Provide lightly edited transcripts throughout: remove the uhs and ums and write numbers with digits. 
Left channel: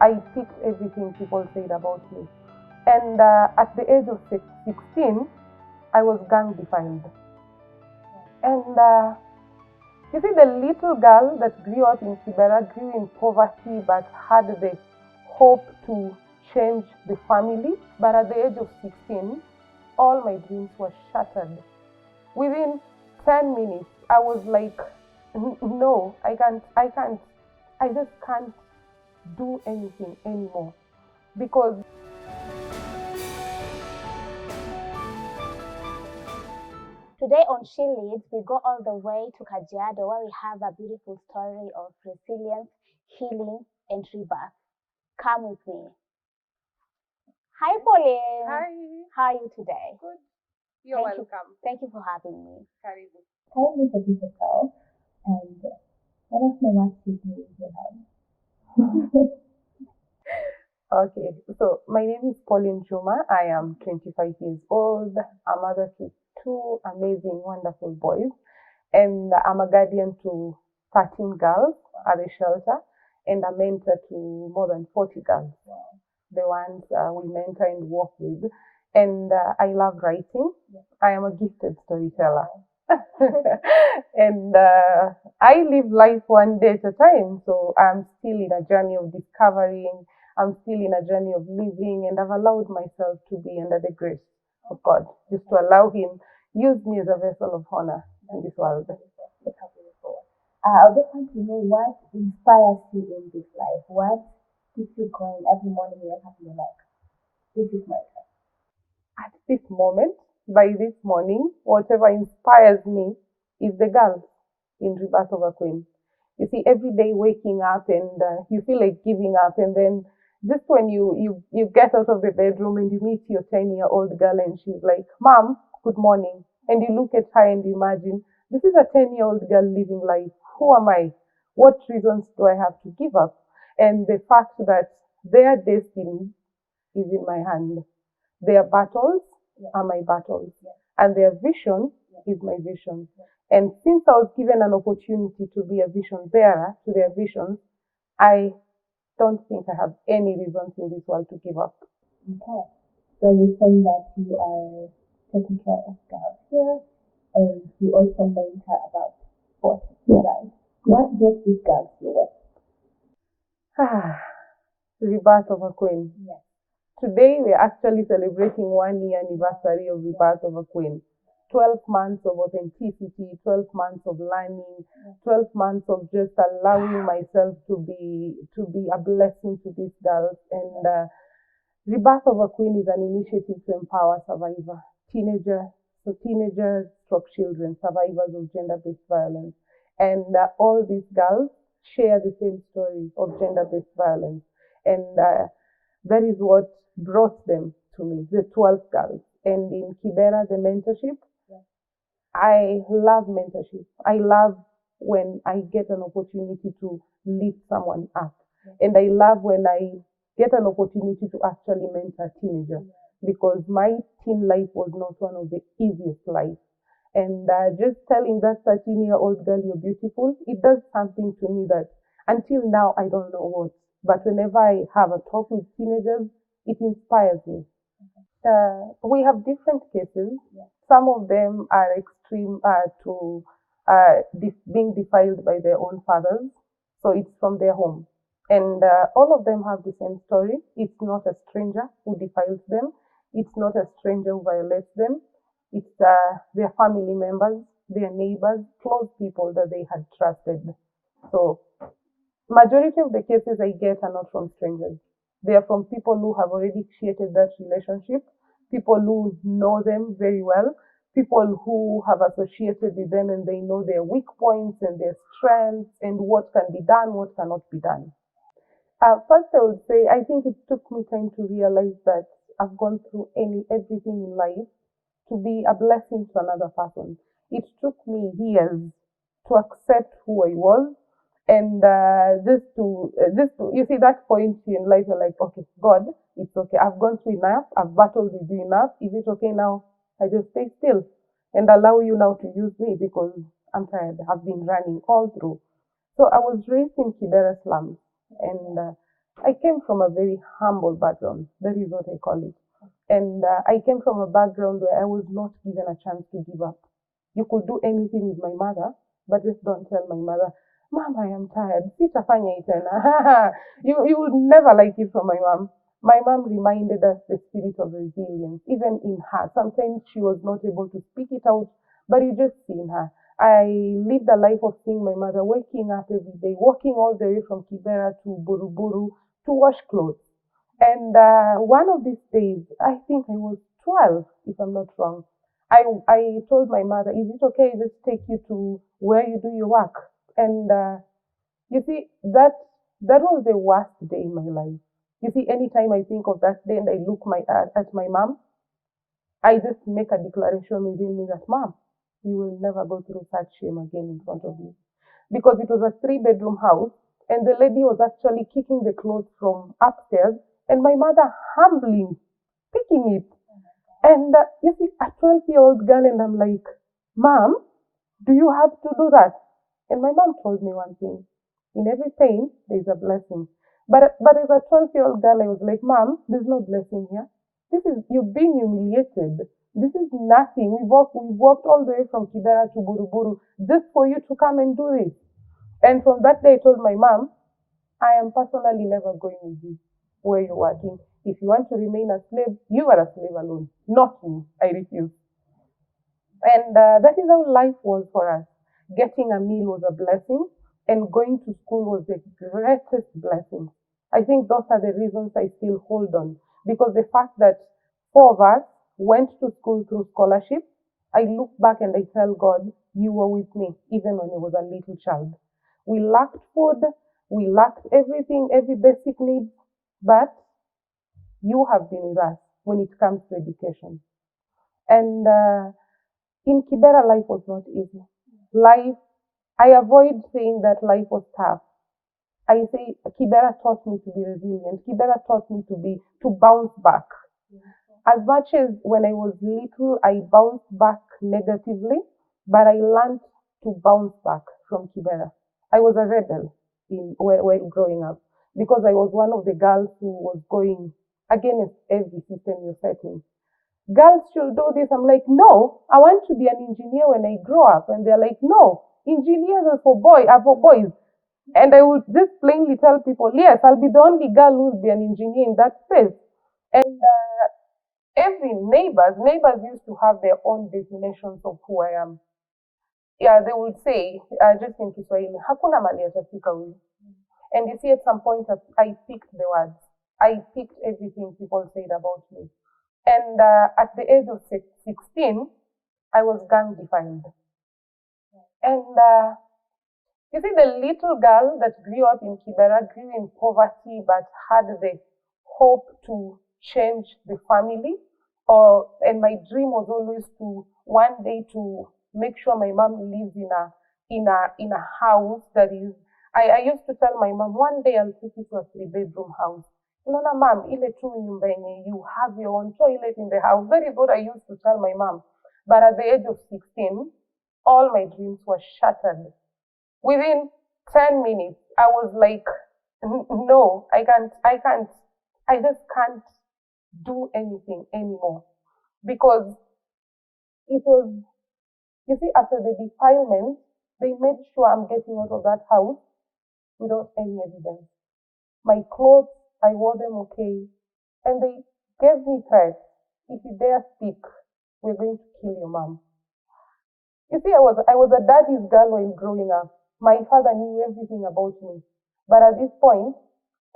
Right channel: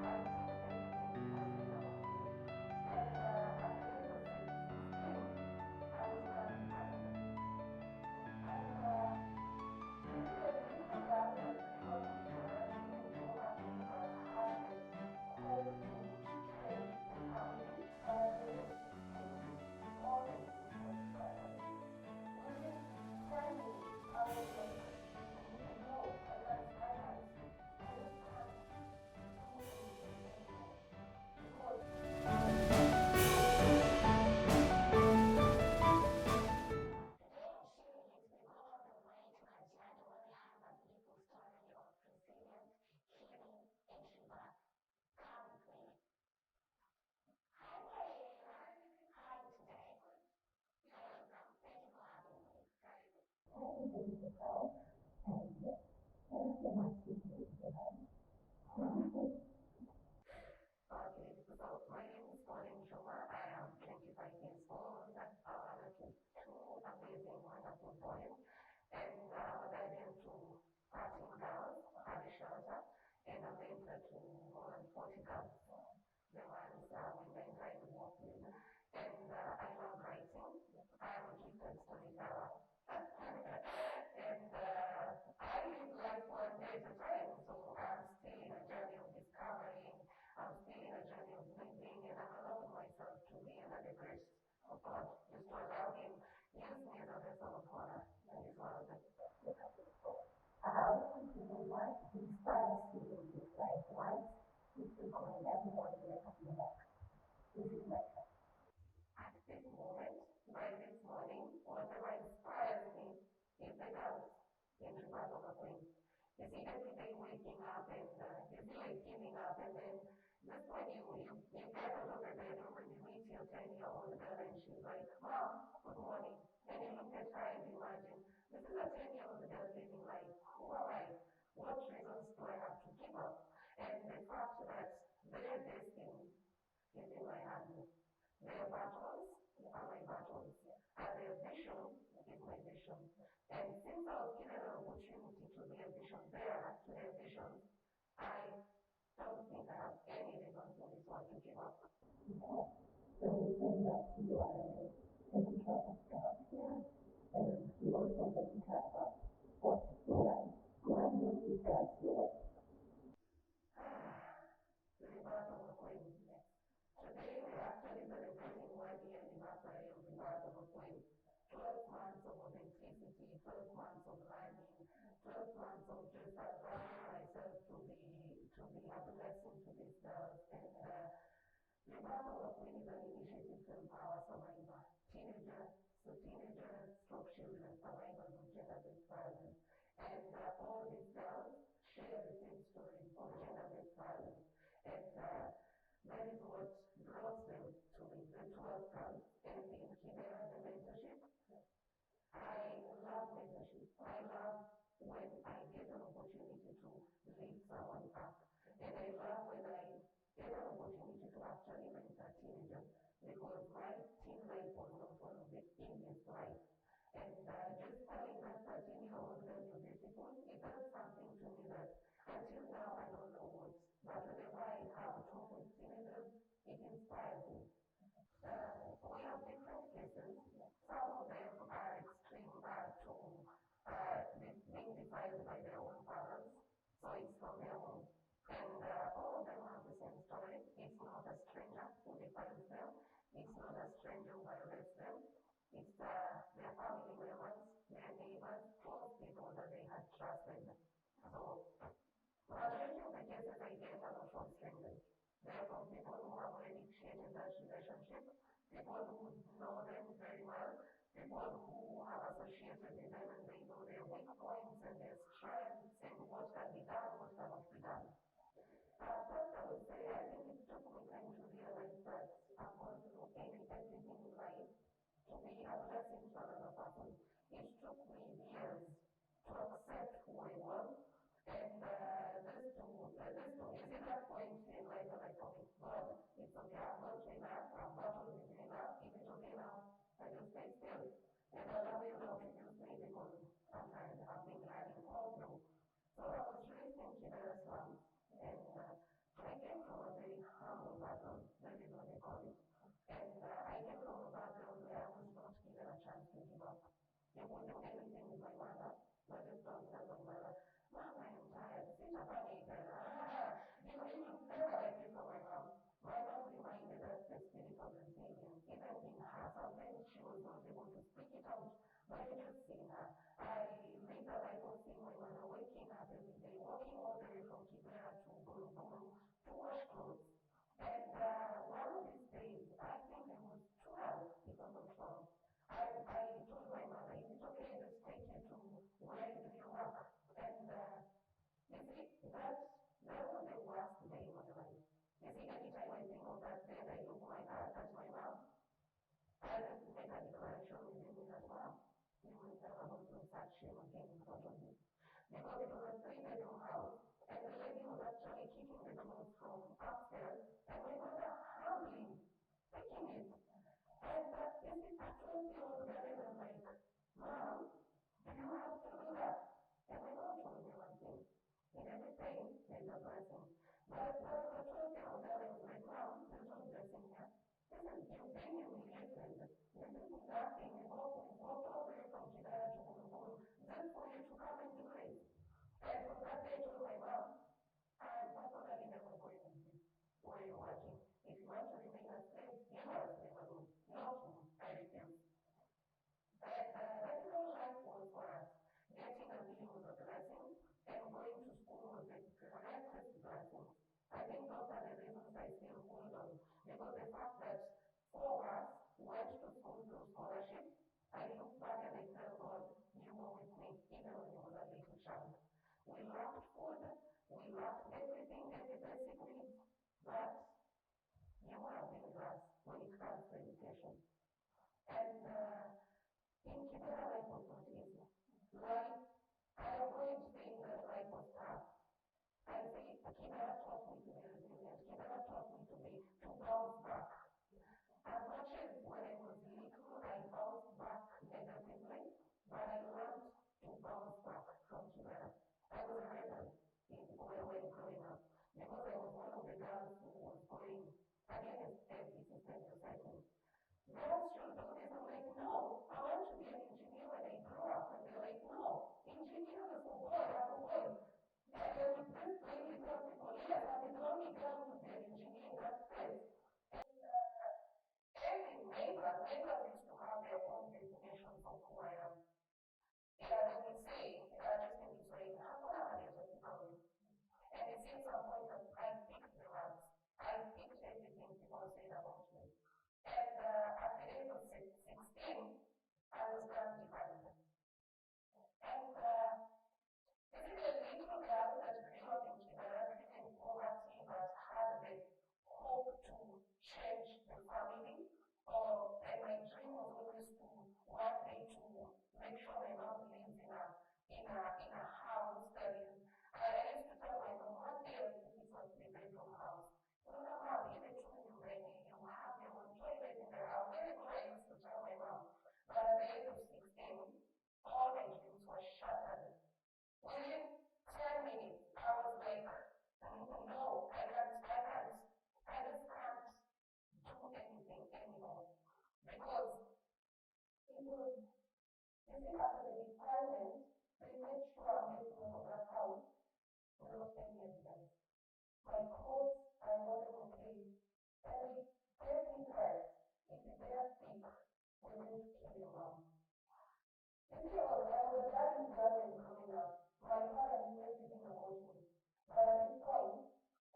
I picked everything people said about me. And at the age of 16, I was gang defiled. And you see, the little girl that grew up in Kibera grew in poverty but had the hope to change the family. But at the age of 16, all my dreams were shattered. Within 10 minutes, I was like, no, I just can't do anything anymore. Because today on She Leads, we go all the way to Kajiado, where we have a beautiful story of resilience, healing, and rebirth. Come with me. Hi, Pauline. Hi. How are you today? Good. You're welcome. Thank you for having me. Karibu. Tell me about yourself and let us know what you do in your life. Okay, so my name is Pauline Juma. I am 25 years old. I'm a mother to two amazing, wonderful boys. And I'm a guardian to 13 girls at the shelter and a mentor to more than 40 girls. The ones we mentor and work with. And I love writing. I am a gifted storyteller. And I live life one day at a time. So I'm still in a journey of discovering. I'm still in a journey of living, and I've allowed myself to be under the grace of God, just to allow Him use me as a vessel of honor in this world. I just want to know what inspires you in this life. What keeps you going every morning when you're having like, this is my life. At this moment, by this morning, whatever inspires me is the girl in Rebirth of a Queen. You see, every day waking up and you feel like giving up, and then just when you get out of the bedroom and you meet your 10-year-old girl and she's like, Mom, good morning. And you look at her and you imagine, this is a 10-year-old girl living life. Who am I? What reasons do I have to give up? And the fact that their destiny is in my hand. Their battles are my battles. And their vision is my vision. And since I was given an opportunity to be a vision bearer to their visions, I don't think I have any reasons in this world to give up. Okay. So you're saying that you are taking care of girls here, and you also mentor about sports, right? What does this girl do? Rebirth of a Queen. Yes. Today we're actually celebrating 1 year anniversary of Rebirth of a Queen. 12 months of authenticity, 12 months of learning, 12 months of just allowing myself to be a blessing to these girls. And Rebirth of a Queen is an initiative to empower survivors, teenagers, stroke children, survivors of gender-based violence. And all these girls share the same story of gender-based violence. And that is what brought them to me, the 12 girls. And in Kibera, the mentorship, I love mentorship. I love when I get an opportunity to lift someone up. And I love when I get an opportunity to actually mentor teenagers, because my teen life was not one of the easiest lives. And just telling that 13-year-old girl you're beautiful, it does something to me that until now I don't know what. But whenever I have a talk with teenagers, it inspires me. We have different cases. Some of them are extreme to being defiled by their own fathers. So it's from their home. And all of them have the same story. It's not a stranger who defiles them. It's not a stranger who violates them. It's their family members, their neighbors, close people that they had trusted. So majority of the cases I get are not from strangers. They are from people who have already created that relationship, people who know them very well, people who have associated with them and they know their weak points and their strengths and what can be done, what cannot be done. First, I would say I think it took me time to realize that I've gone through everything in life to be a blessing to another person. It took me years to accept who I was, and just to you see that point in life, you're like, okay, God, it's okay. I've gone through enough. I've battled with you enough. Is it okay now? I just stay still and allow you now to use me because I'm tired. I've been running all through. So I was raised in Kibera slums, and I came from a very humble background. That is what I call it. And I came from a background where I was not given a chance to give up. You could do anything with my mother, but just don't tell my mother, Mom, I am tired. Sitafanya tena. You would never like it from my mom. My mom reminded us the spirit of resilience, even in her. Sometimes she was not able to speak it out, but you just see in her. I lived a life of seeing my mother waking up every day, walking all the way from Kibera to Buruburu to wash clothes. And one of these days, I think I was 12, if I'm not wrong, I told my mother, is it okay just take you to where you do your work? And you see, that was the worst day in my life. You see, anytime I think of that day and I look at my mom, I just make a declaration within me that, Mom, you will never go through such shame again in front of me. Because it was a 3-bedroom house, and the lady was actually kicking the clothes from upstairs, and my mother humbly picking it. And you see, a 12-year-old girl, and I'm like, Mom, do you have to do that? And my mom told me one thing. In every pain, there's a blessing. But as a 12-year-old girl, I was like, Mom, there's no blessing here. You're being humiliated. This is nothing. We walked all the way from Kibera to Buruburu just for you to come and do this. And from that day, I told my mom, I am personally never going with you where you're working. If you want to remain a slave, you are a slave alone, not me. I refuse. And that is how life was for us. Getting a meal was a blessing, and going to school was the greatest blessing. I think those are the reasons I still hold on. Because the fact that 4 of us went to school through scholarship, I look back and I tell God, you were with me, even when I was a little child. We lacked food, we lacked everything, every basic need, but you have been with us when it comes to education. And in Kibera, life was not easy. I avoid saying that life was tough. I say Kibera taught me to be resilient. Kibera taught me to bounce back. As much as when I was little, I bounced back negatively, but I learned to bounce back from Kibera. I was a rebel while growing up because I was one of the girls who was going against every system you're setting. Girls should do this. I'm like, no, I want to be an engineer when I grow up. And they're like, no, engineers are for boys. And I would just plainly tell people, yes, I'll be the only girl who will be an engineer in that space. And every neighbors used to have their own definitions of who I am. Yeah, they would say, just in Kiswahili, hakuna mali atafika huyu. And you see, at some point, I picked the words. I picked everything people said about me. And at the age of 16, I was gang defiled. And you see, the little girl that grew up in Kibera grew in poverty, but had the hope to change the family. And my dream was always to one day to make sure my mom lives in a house that is. I used to tell my mom, one day I'll take you to a 3-bedroom house. Unaona mom, ile tu nyumba yenye you have your own toilet in the house. That is what I used to tell my mom. But at the age of 16, all my dreams were shattered. Within 10 minutes, I was like, no, I just can't do anything anymore. Because it was, you see, after the defilement, they made sure I'm getting out of that house without any evidence. My clothes, I wore them okay. And they gave me threats. If you dare speak, we're going to kill your mom. You see, I was a daddy's girl when growing up. My father knew everything about me. But at this point,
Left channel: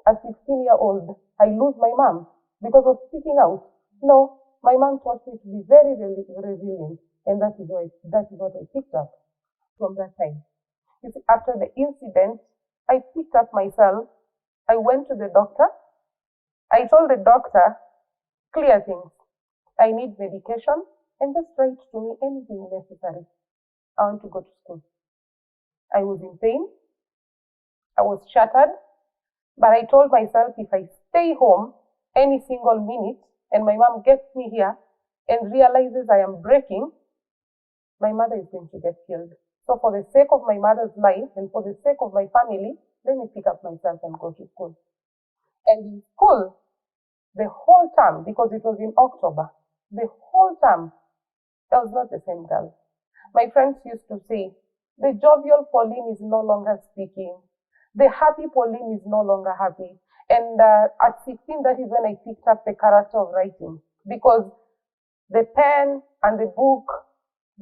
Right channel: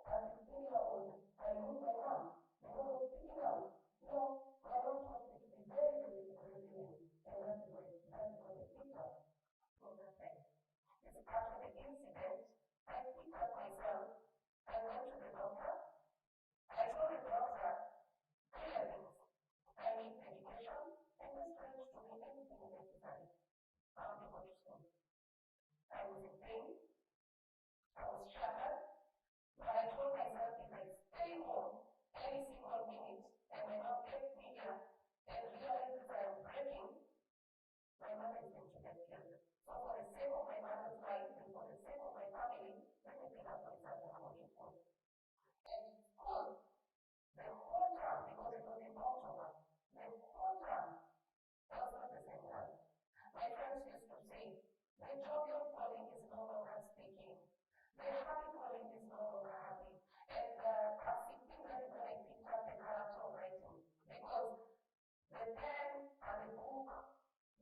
as 16-year-old, I lose my mom because of speaking out. No, my mom taught me to be very, very resilient. And that is what I picked up from that time. You see, after the incident, I picked up myself. I went to the doctor. I told the doctor, clear things. I need medication and just write to me anything necessary. I want to go to school. I was in pain. I was shattered. But I told myself if I stay home any single minute and my mom gets me here and realizes I am breaking, my mother is going to get killed. So for the sake of my mother's life and for the sake of my family, let me pick up myself and go to school. And in school, the whole term, because it was in October, the whole term, I was not the same girl. My friends used to say, the jovial Pauline is no longer speaking. The happy Pauline is no longer happy. And at 16, that is when I picked up the character of writing, because the pen and the book,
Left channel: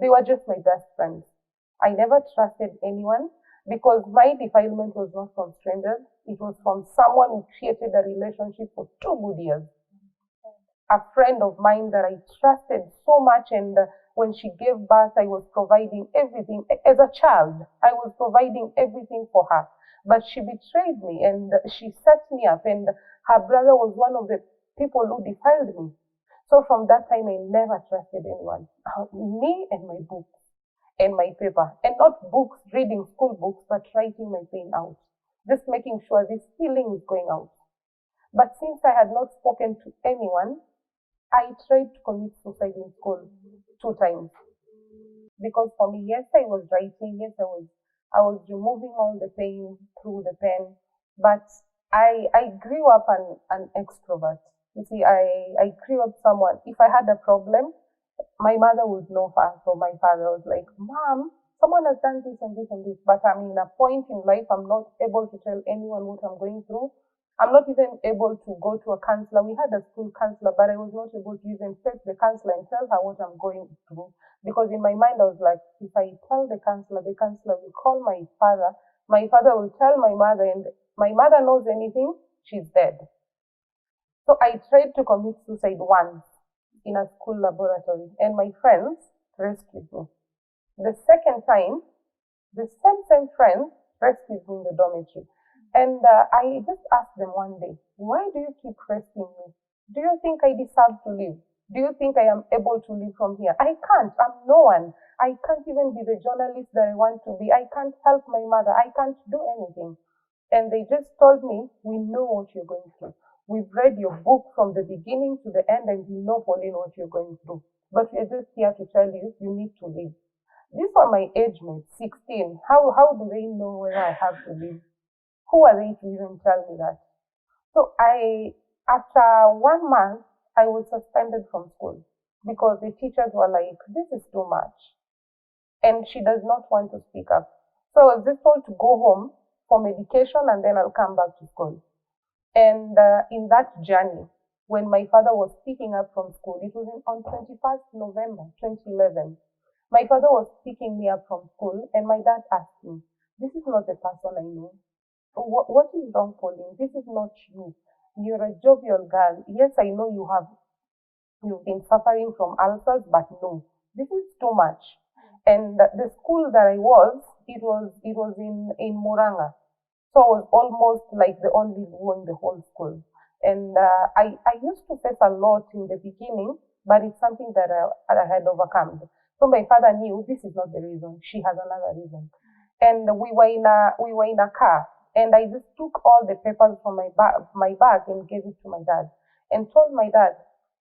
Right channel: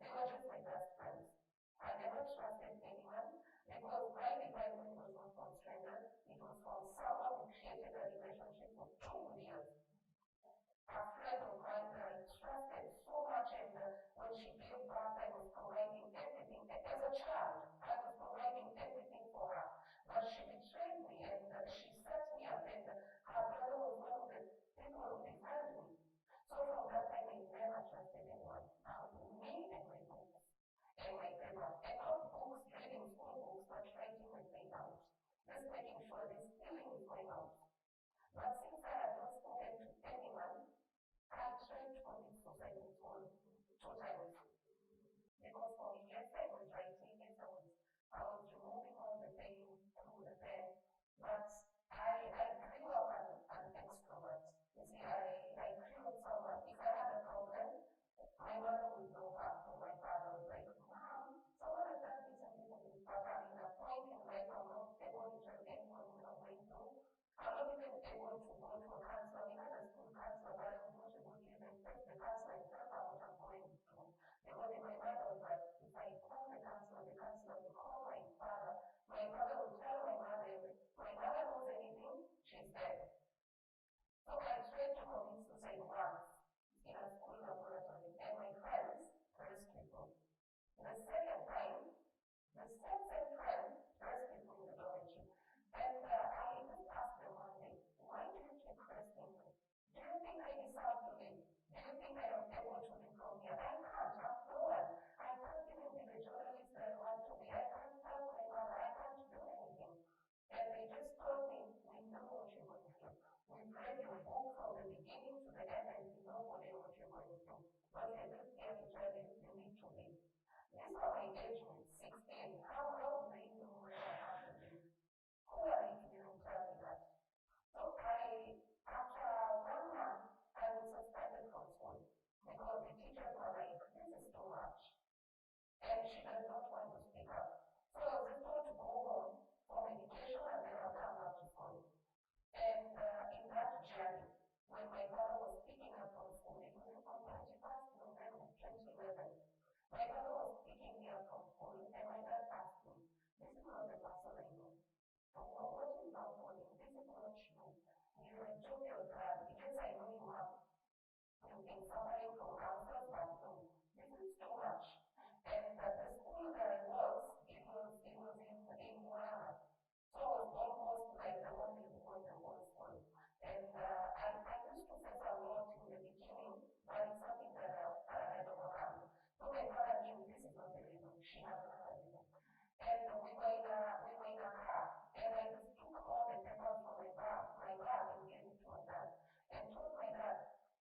they were just my best friends. I never trusted anyone because my defilement was not from strangers. It was from someone who created a relationship for 2 good years. A friend of mine that I trusted so much, and when she gave birth, I was providing everything. As a child, I was providing everything for her. But she betrayed me and she set me up, and her brother was one of the people who defiled me. So from that time, I never trusted anyone. Me and my books and my paper. And not books, reading school books, but writing my pain out. Just making sure this feeling is going out. But since I had not spoken to anyone, I tried to commit suicide in school 2 times. Because for me, yes, I was writing, yes, I was removing all the pain through the pen, but I grew up an extrovert. You see, I grew up someone, if I had a problem, my mother would know first, or my father was like, Mom, someone has done this and this and this, but I'm in a point in life, I'm not able to tell anyone what I'm going through. I'm not even able to go to a counselor. We had a school counselor, but I was not able to even face the counselor and tell her what I'm going through. Because in my mind, I was like, if I tell the counselor will call my father will tell my mother, and my mother knows anything, she's dead. So I tried to commit suicide once in a school laboratory, and my friends rescued me. The second time, the same friends rescued me in the dormitory. And I just asked them one day, why do you keep rescuing me? Do you think I deserve to live? Do you think I am able to live from here? I can't. I'm no one. I can't even be the journalist that I want to be. I can't help my mother. I can't do anything. And they just told me, we know what you're going through. We've read your book from the beginning to the end, and we know, Pauline, what you're going through. But we're just here to tell you, you need to live. These were my age mates, 16. How do they know whether I have to live? Who are they to even tell me that? So after 1 month, I was suspended from school because the teachers were like, this is too much. And she does not want to speak up. So I was just told to go home for medication, and then I'll come back to school. And in that journey, when my father was picking up from school, it was on 21st November 2011, my father was picking me up from school, and my dad asked me, this is not the person I know. What is wrong, Pauline? This is not you. You're a jovial girl. Yes, I know you've been suffering from ulcers, but no, this is too much. And the school that I was, it was in Muranga. So I was almost like the only boy in the whole school. And I used to face a lot in the beginning, but it's something that I had overcome. So my father knew this is not the reason. She has another reason. And we were in a car, and I just took all the papers from my bag and gave it to my dad, and told my dad,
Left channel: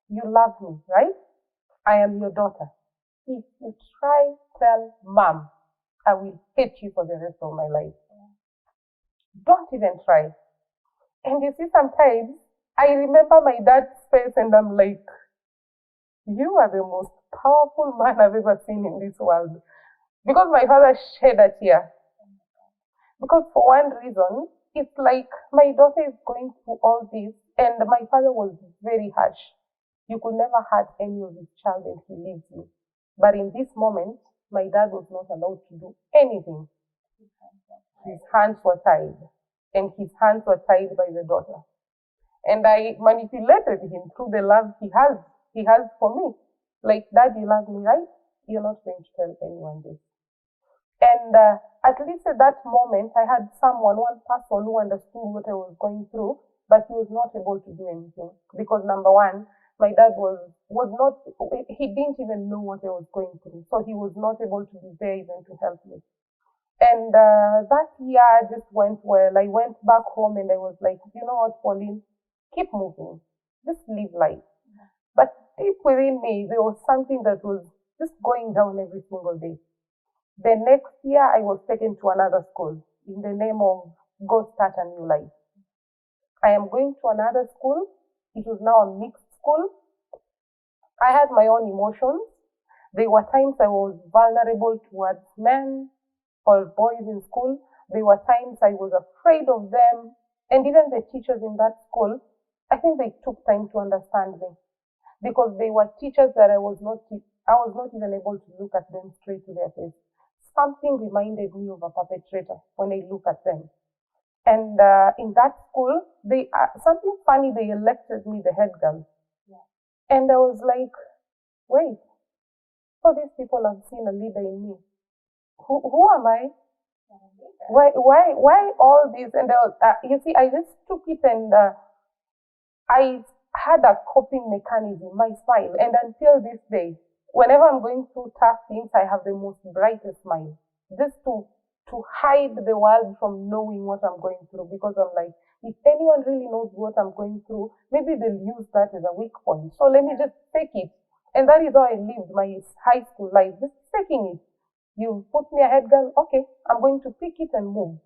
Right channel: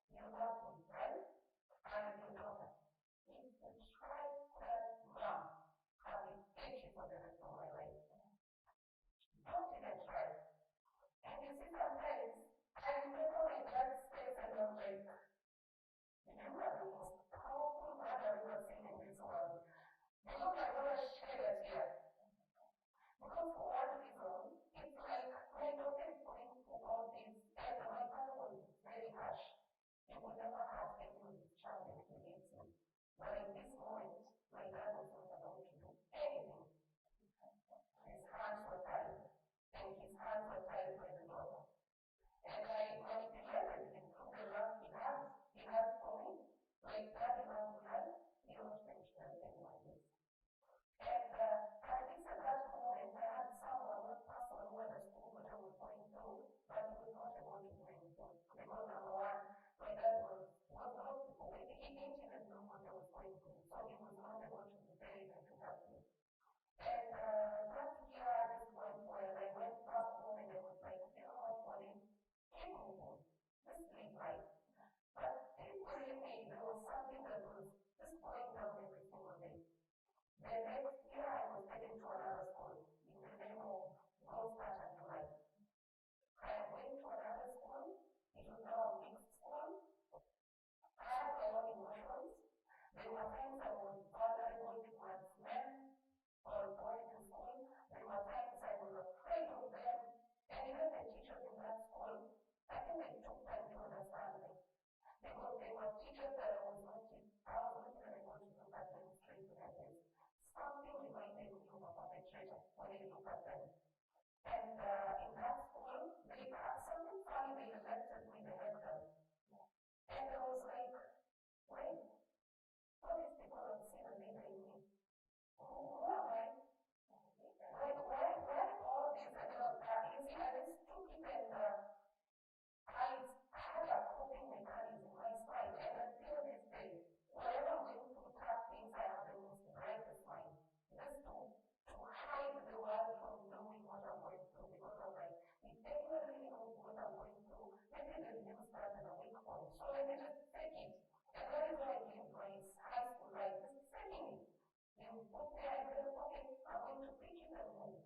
you love me, right? I am your daughter. If you try, tell Mom, I will hate you for the rest of my life. Don't even try. And you see, sometimes I remember my dad's face, and I'm like, you are the most powerful man I've ever seen in this world. Because my father shed a tear. Because for one reason, it's like my daughter is going through all this, and my father was very harsh. You could never hurt any of his child, and he leaves you. But in this moment, my dad was not allowed to do anything. His hands were tied, and his hands were tied by the daughter. And I manipulated him through the love he has for me. Like, Dad, you love me, right? You're not going to tell anyone this. And at least at that moment, I had one person who understood what I was going through, but he was not able to do anything. Because number one, my dad he didn't even know what I was going through. So he was not able to be there even to help me. And that year just went well. I went back home, and I was like, you know what, Pauline, keep moving. Just live life. But deep within me, there was something that was just going down every single day. The next year, I was taken to another school in the name of Go Start a New Life. I am going to another school. It was now a mixed school. I had my own emotions. There were times I was vulnerable towards men or boys in school. There were times I was afraid of them. And even the teachers in that school, I think they took time to understand me, because they were teachers that I was not even able to look at them straight to their face. Something reminded me of a perpetrator when I look at them. And in that school, something funny, they elected me the head girl. Yeah. And I was like, wait, so these people have seen a leader in me. Who am I? Why all this? And you see, I just took it, and I had a coping mechanism, my smile. And until this day, whenever I'm going through tough things, I have the most brightest smile. Just to hide the world from knowing what I'm going through, because I'm like, if anyone really knows what I'm going through, maybe they'll use that as a weak point. So let me just fake it. And that is how I lived my high school life, just faking it. You put me a head girl, okay, I'm going to pick it and move.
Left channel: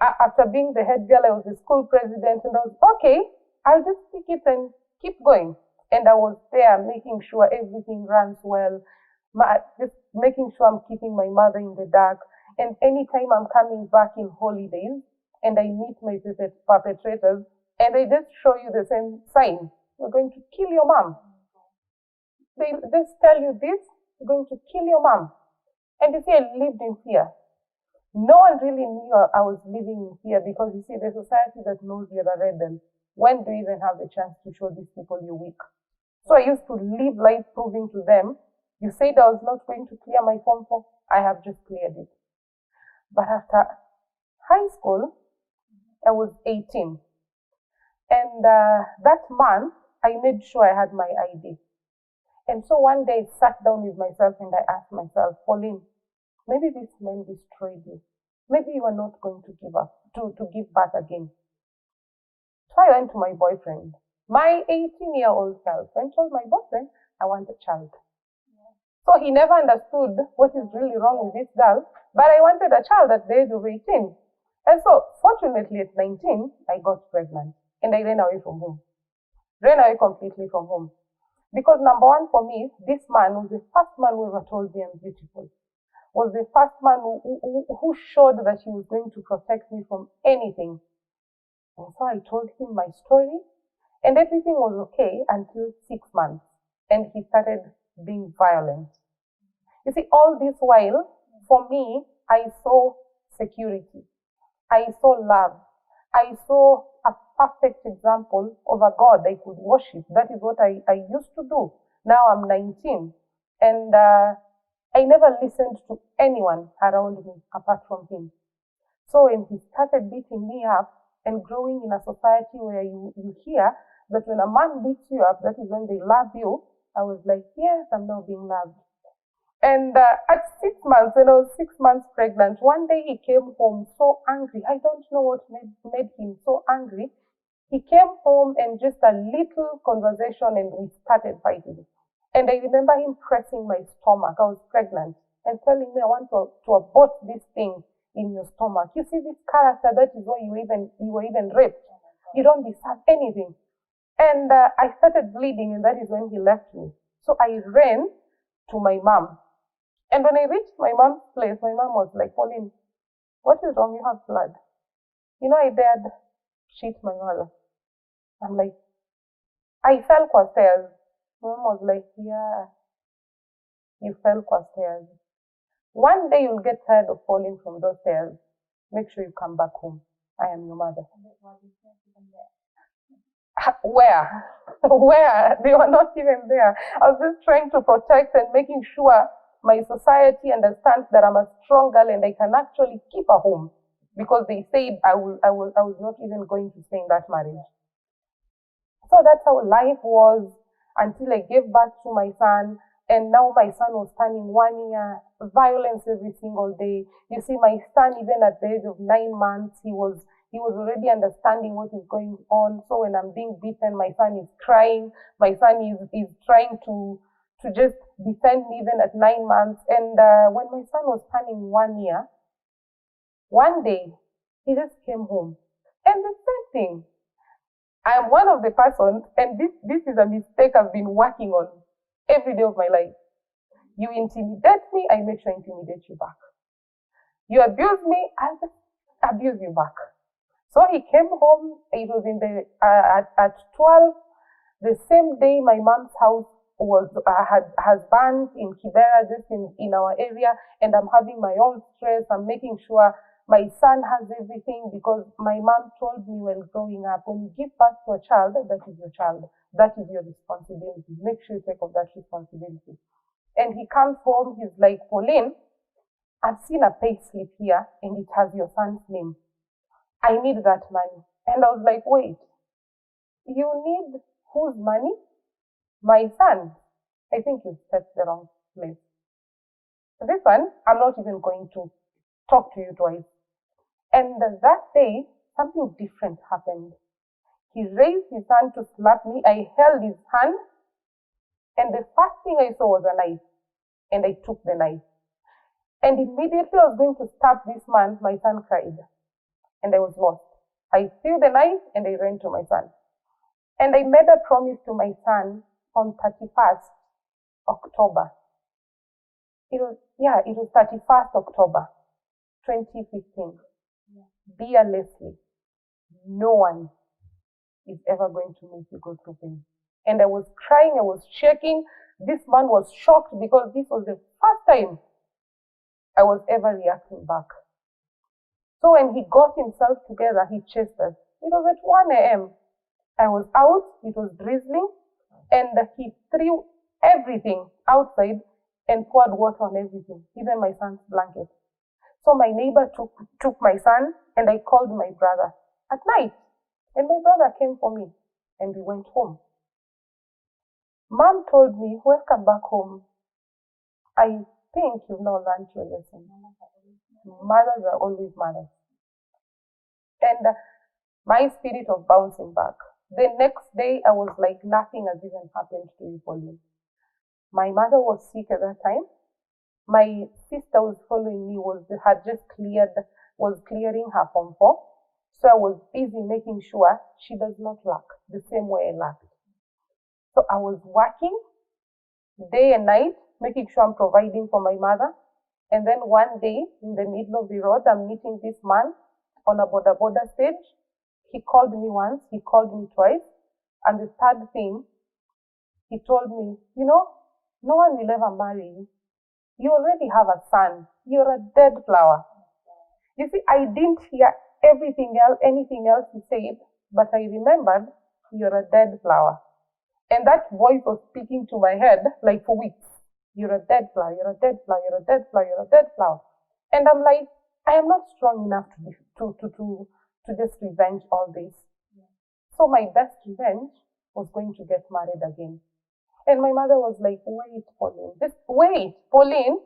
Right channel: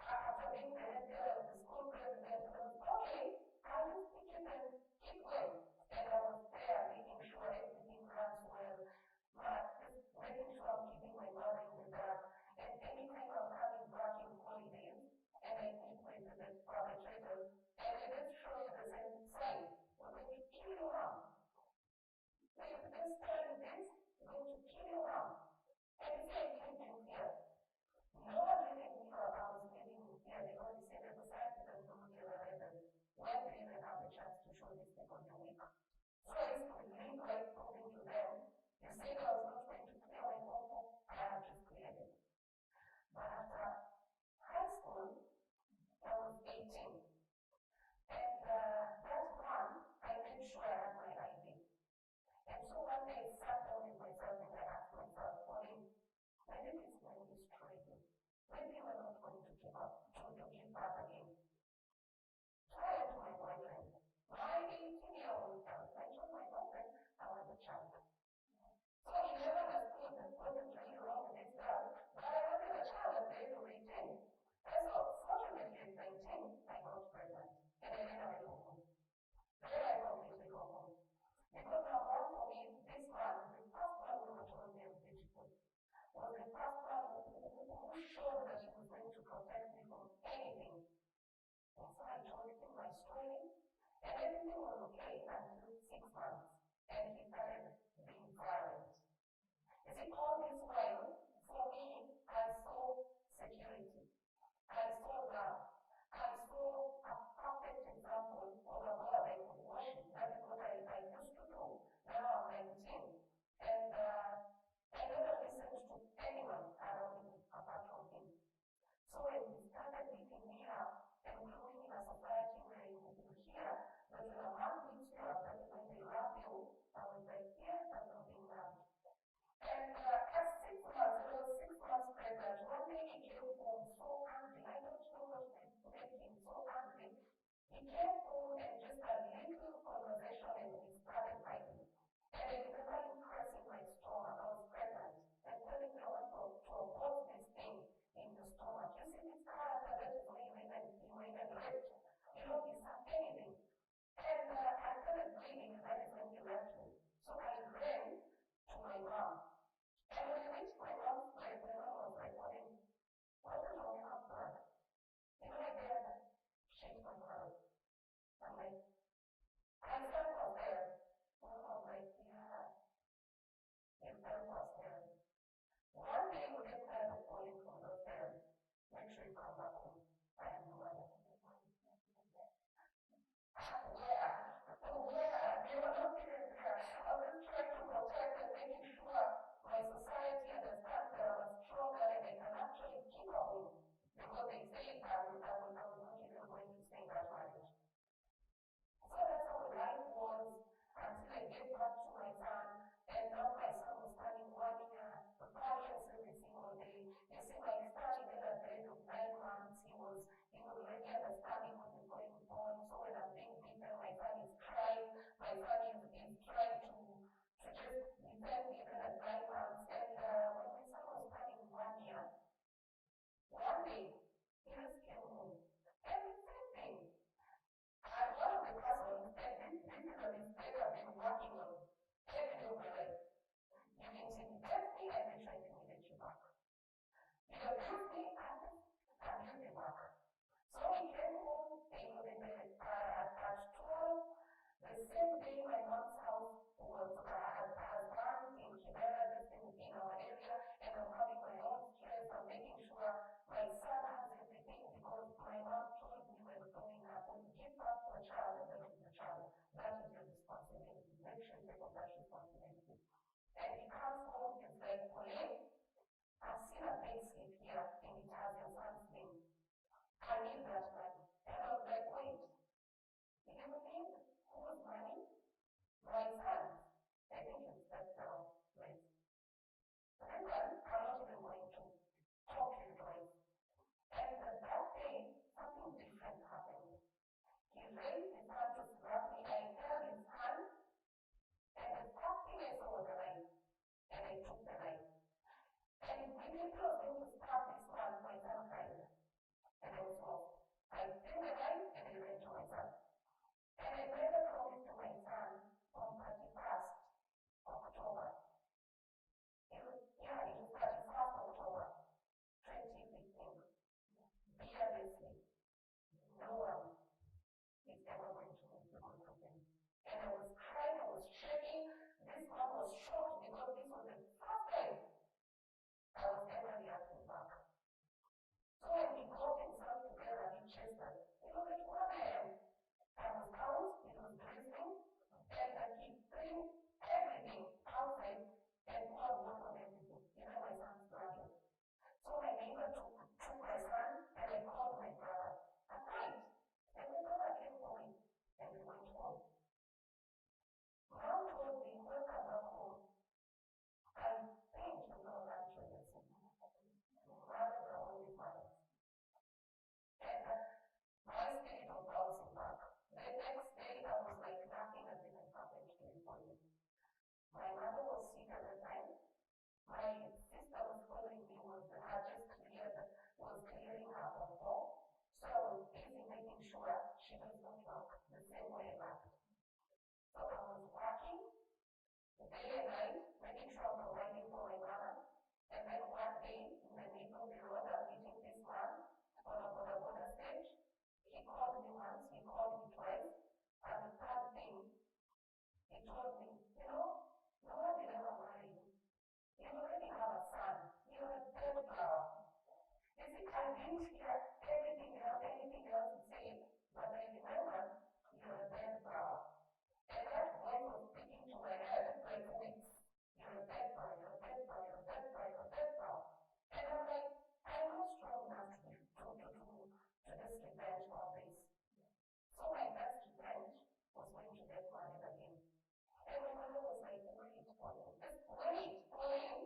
After being the head girl, I was the school president, and I was, okay, I'll just pick it and keep going. And I was there making sure everything runs well, just making sure I'm keeping my mother in the dark. And anytime I'm coming back in holidays and I meet my perpetrators, and they just show you the same sign, we're going to kill your mom. They just tell you this, we're going to kill your mom. And you see, I lived in fear. No one really knew I was living in fear, because you see, the society that knows you're a rebel, when do you even have the chance to show these people you're weak? So I used to live life proving to them, you said I was not going to clear my Form 4, I have just cleared it. But after high school, I was 18. And that month, I made sure I had my ID. And so one day I sat down with myself and I asked myself, Pauline, maybe this man destroyed you. Maybe you are not going to give up, to give back again. So I went to my boyfriend, my 18-year-old self, and told my boyfriend, I want a child. So he never understood what is really wrong with this girl, but I wanted a child at the age of 18. And so, fortunately, at 19, I got pregnant, and I ran away from home. Ran away completely from home. Because number one for me, this man was the first man who ever told me I'm beautiful. Was the first man who showed that he was going to protect me from anything. And so I told him my story, and everything was okay until 6 months. And he started being violent. You see, all this while, for me, I saw security. I saw love. I saw a perfect example of a God I could worship. That is what I used to do. Now I'm 19. And I never listened to anyone around me apart from him. So when he started beating me up, and growing in a society where you hear that when a man beats you up, that is when they love you, I was like, yes, I'm now being loved. And at 6 months, when I was 6 months pregnant, one day he came home so angry. I don't know what made him so angry. He came home and just a little conversation and we started fighting. And I remember him pressing my stomach. I was pregnant, and telling me, I want to abort this thing in your stomach. You see this character, that is why you were even raped. You don't deserve anything. And I started bleeding, and that is when he left me. So I ran to my mom. And when I reached my mom's place, my mom was like, Pauline, what is wrong? You have blood. You know, I dared cheat my mother. I'm like, I fell qua stairs. My mom was like, yeah, you fell qua stairs. One day you'll get tired of falling from those stairs. Make sure you come back home. I am your mother. Where? Where? They were not even there. I was just trying to protect and making sure my society understands that I'm a strong girl and I can actually keep a home, because they said I was not even going to stay in that marriage. So that's how life was until I gave birth to my son. And now my son was turning 1 year, violence every single day. You see, my son, even at the age of 9 months, he was already understanding what is going on. So when I'm being beaten, my son is crying. My son is trying to just defend me even at 9 months. And when my son was turning 1 year, one day, he just came home. And the same thing. I am one of the persons, and this is a mistake I've been working on every day of my life. You intimidate me, I make sure I intimidate you back. You abuse me, I'll just abuse you back. So he came home, it was in the at 12, the same day my mom's house was has burned in Kibera, just in our area, and I'm having my own stress. I'm making sure my son has everything, because my mom told me when growing up, when you give birth to a child, that is your child. That is your responsibility. Make sure you take of that responsibility. And he comes home, he's like, Pauline, I've seen a pay slip here and it has your son's name. I need that money. And I was like, wait, you need whose money? My son. I think you stepped the wrong place. This one, I'm not even going to talk to you twice. And that day, something different happened. He raised his hand to slap me. I held his hand, and the first thing I saw was a knife, and I took the knife. And immediately I was going to stab this man, my son cried, and I was lost. I threw the knife, and I ran to my son. And I made a promise to my son on 31st October. It was 31st October, 2015. Dear Leslie, no one is ever going to make you go through pain. And I was crying, I was shaking. This man was shocked because this was the first time I was ever reacting back. So when he got himself together, he chased us. It was at 1 a.m. I was out, it was drizzling, and he threw everything outside and poured water on everything, even my son's blanket. So my neighbor took my son, and I called my brother at night. And my brother came for me, and we went home. Mom told me, welcome back home. I think you've now learned your lesson. Mothers are always mothers. And my spirit of bouncing back. The next day, I was like, nothing has even happened to you, Pauline. My mother was sick at that time. My sister was following me, was clearing her Form 4. So I was busy making sure she does not lack the same way I lacked. So I was working day and night, making sure I'm providing for my mother. And then one day, in the middle of the road, I'm meeting this man on a border stage. He called me once, he called me twice. And the third thing, he told me, no one will ever marry you. You already have a son. You're a dead flower. You see, I didn't hear anything else he said, but I remembered, you're a dead flower. And that voice was speaking to my head like for weeks. You're a dead flower, you're a dead flower, you're a dead flower, you're a dead flower. And I'm like, I am not strong enough to just revenge all this. So my best revenge was going to get married again. And my mother was like, wait, Pauline,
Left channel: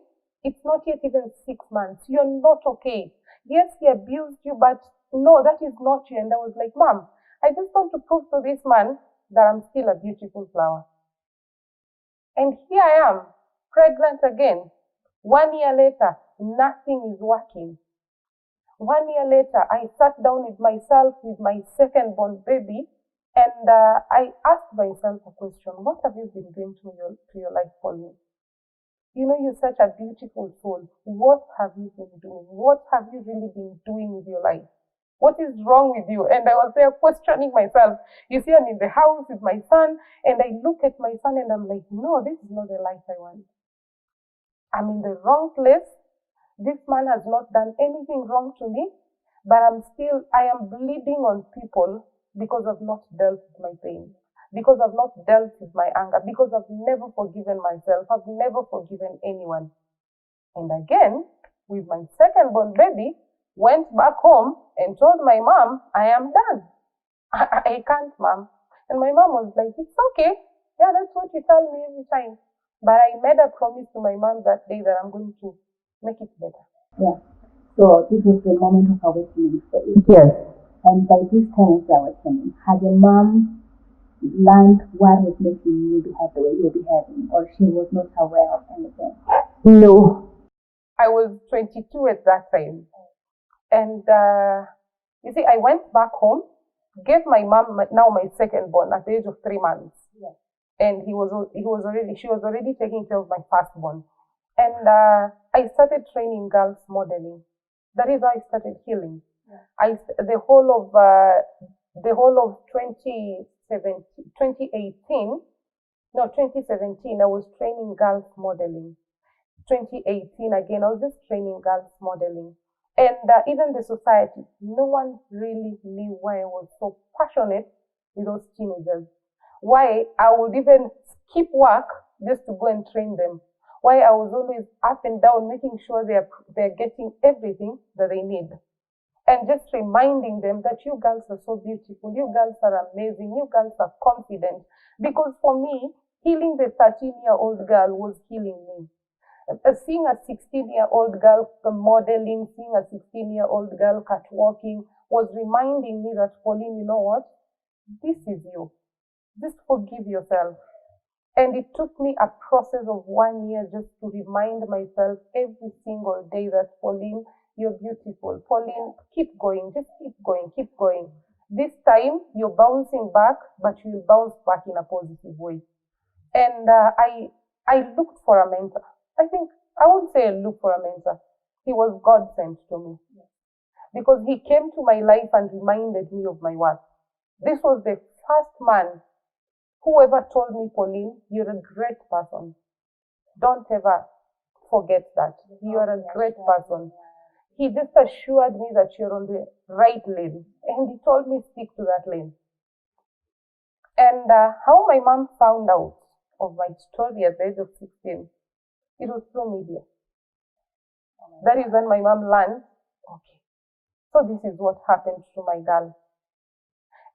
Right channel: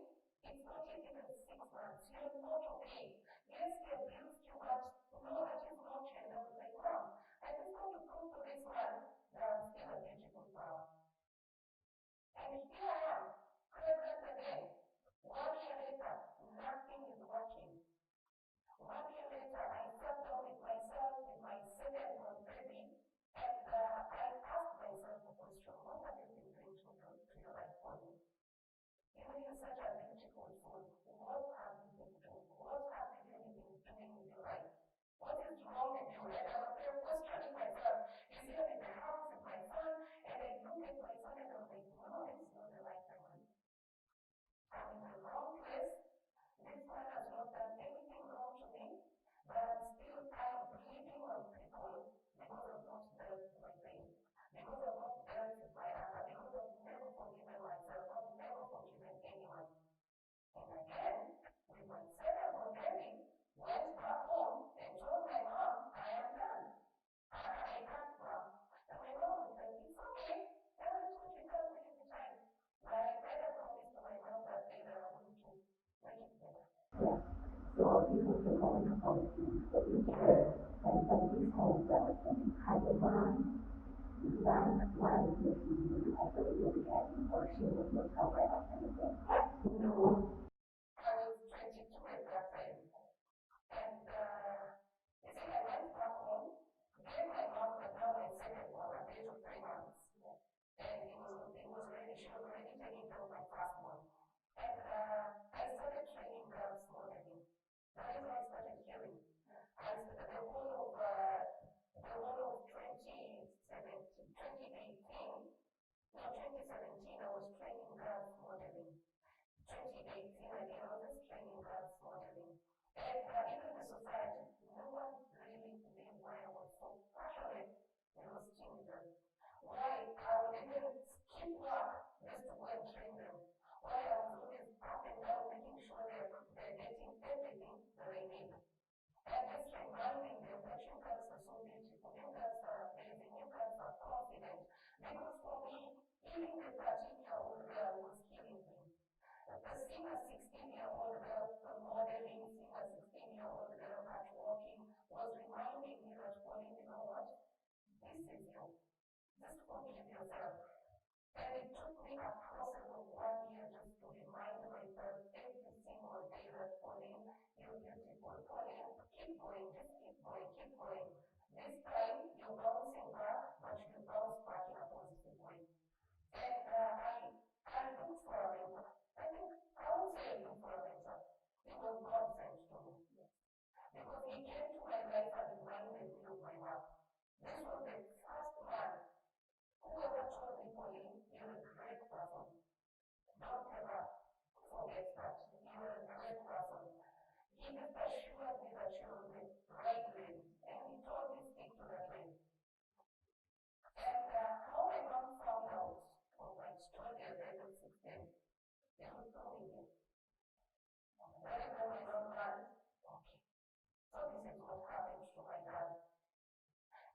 it's not yet even 6 months. You're not okay. Yes, he abused you, but no, that is not you. And I was like, Mom, I just want to prove to this man that I'm still a beautiful flower. And here I am, pregnant again. 1 year later, nothing is working. 1 year later, I sat down with myself with my second-born baby, and I asked myself a question: what have you been doing to your life, Pauline? You're such a beautiful soul. What have you been doing? What have you really been doing with your life? What is wrong with you? And I was there questioning myself. You see, I'm in the house with my son, and I look at my son and I'm like, no, this is not the life I want. I'm in the wrong place. This man has not done anything wrong to me, but I am bleeding on people because I've not dealt with my pain, because I've not dealt with my anger, because I've never forgiven myself, I've never forgiven anyone. And again, with my second-born baby, went back home and told my mom, I am done. I can't, Mom. And my mom was like, it's okay. Yeah, that's what you tell me every time. But I made a promise to my mom that day that I'm going to make it better. Yeah. So this was the moment of awakening for you. Yes. And by this time of the awakening, had your mom learned what was making you behave the way you're behaving, or she was not aware of anything? No. I was 22 at that time. And you see, I went back home gave my mom now my second born at the age of 3 months. Yes. And she was already taking care of my firstborn. And I started training girls modeling. That is how I started healing. Yeah. The whole of 2017, I was training girls modeling. 2018 again, I was just training girls modeling. And even the society, no one really knew why I was so passionate with those teenagers. Why I would even skip work just to go and train them. Why I was always up and down, making sure they're getting everything that they need. And just reminding them that you girls are so beautiful, you girls are amazing, you girls are confident. Because for me, healing the 13-year-old girl was healing me. Seeing a 16-year-old girl modeling, seeing a 16-year-old girl catwalking was reminding me that, Pauline, you know what? This is you. Just forgive yourself. And it took me a process of 1 year just to remind myself every single day that, Pauline, you're beautiful. Pauline, keep going, just keep going, keep going. This time, you're bouncing back, but you'll bounce back in a positive way. And I looked for a mentor. I wouldn't say I looked for a mentor. He was God sent to me. Because he came to my life and reminded me of my worth. This was the first man who ever told me, Pauline, you're a great person. Don't ever forget that. You are a great person. He just assured me that you're on the right lane. And he told me, stick to that lane. And how my mom found out of my story at the age of 16, it was through media. That is when my mom learned, okay, so this is what happened to my girl.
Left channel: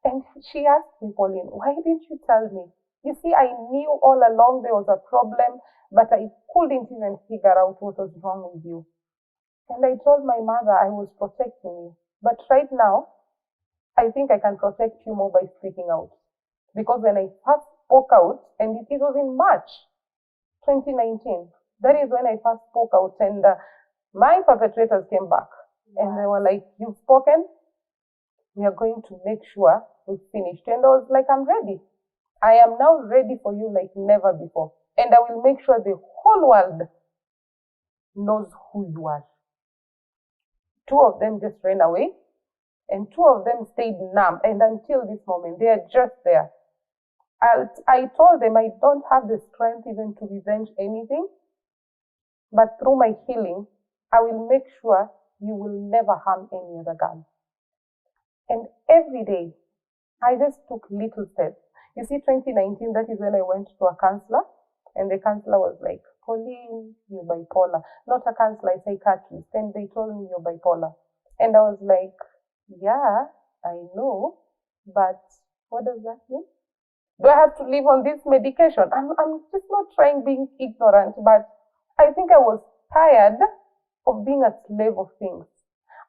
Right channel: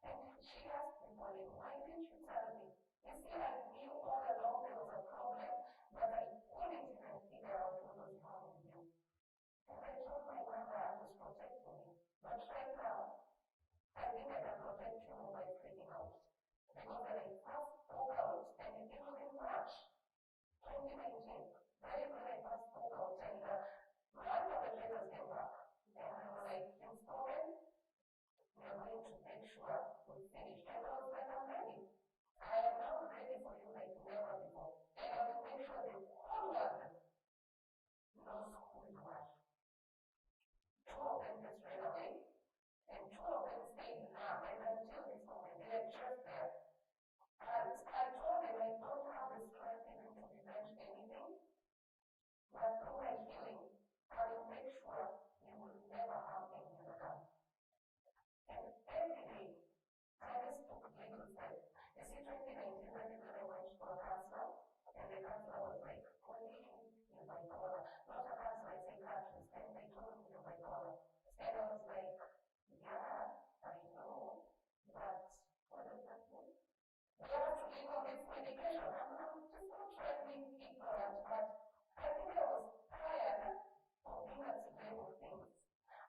And she asked me, Pauline, why didn't you tell me? You see, I knew all along there was a problem, but I couldn't even figure out what was wrong with you. And I told my mother I was protecting you. But right now, I think I can protect you more by speaking out. Because when I first spoke out, and it was in March 2019, that is when I first spoke out, and my perpetrators came back. And they were like, you've spoken, we are going to make sure we've finished. And I was like, I'm ready. I am now ready for you like never before. And I will make sure the whole world knows who you are. 2 of them just ran away, and 2 of them stayed numb. And until this moment, they are just there. I told them I don't have the strength even to revenge anything, but through my healing, I will make sure you will never harm any other girl. And every day, I just took little steps. You see, 2019, that is when I went to a counselor, and the counselor was like, Pauline, you're bipolar. Not a counselor, a psychiatrist. And they told me you're bipolar. And I was like, yeah, I know, but what does that mean? Do I have to live on this medication? I'm just not trying being ignorant, but I think I was tired of being a slave of things.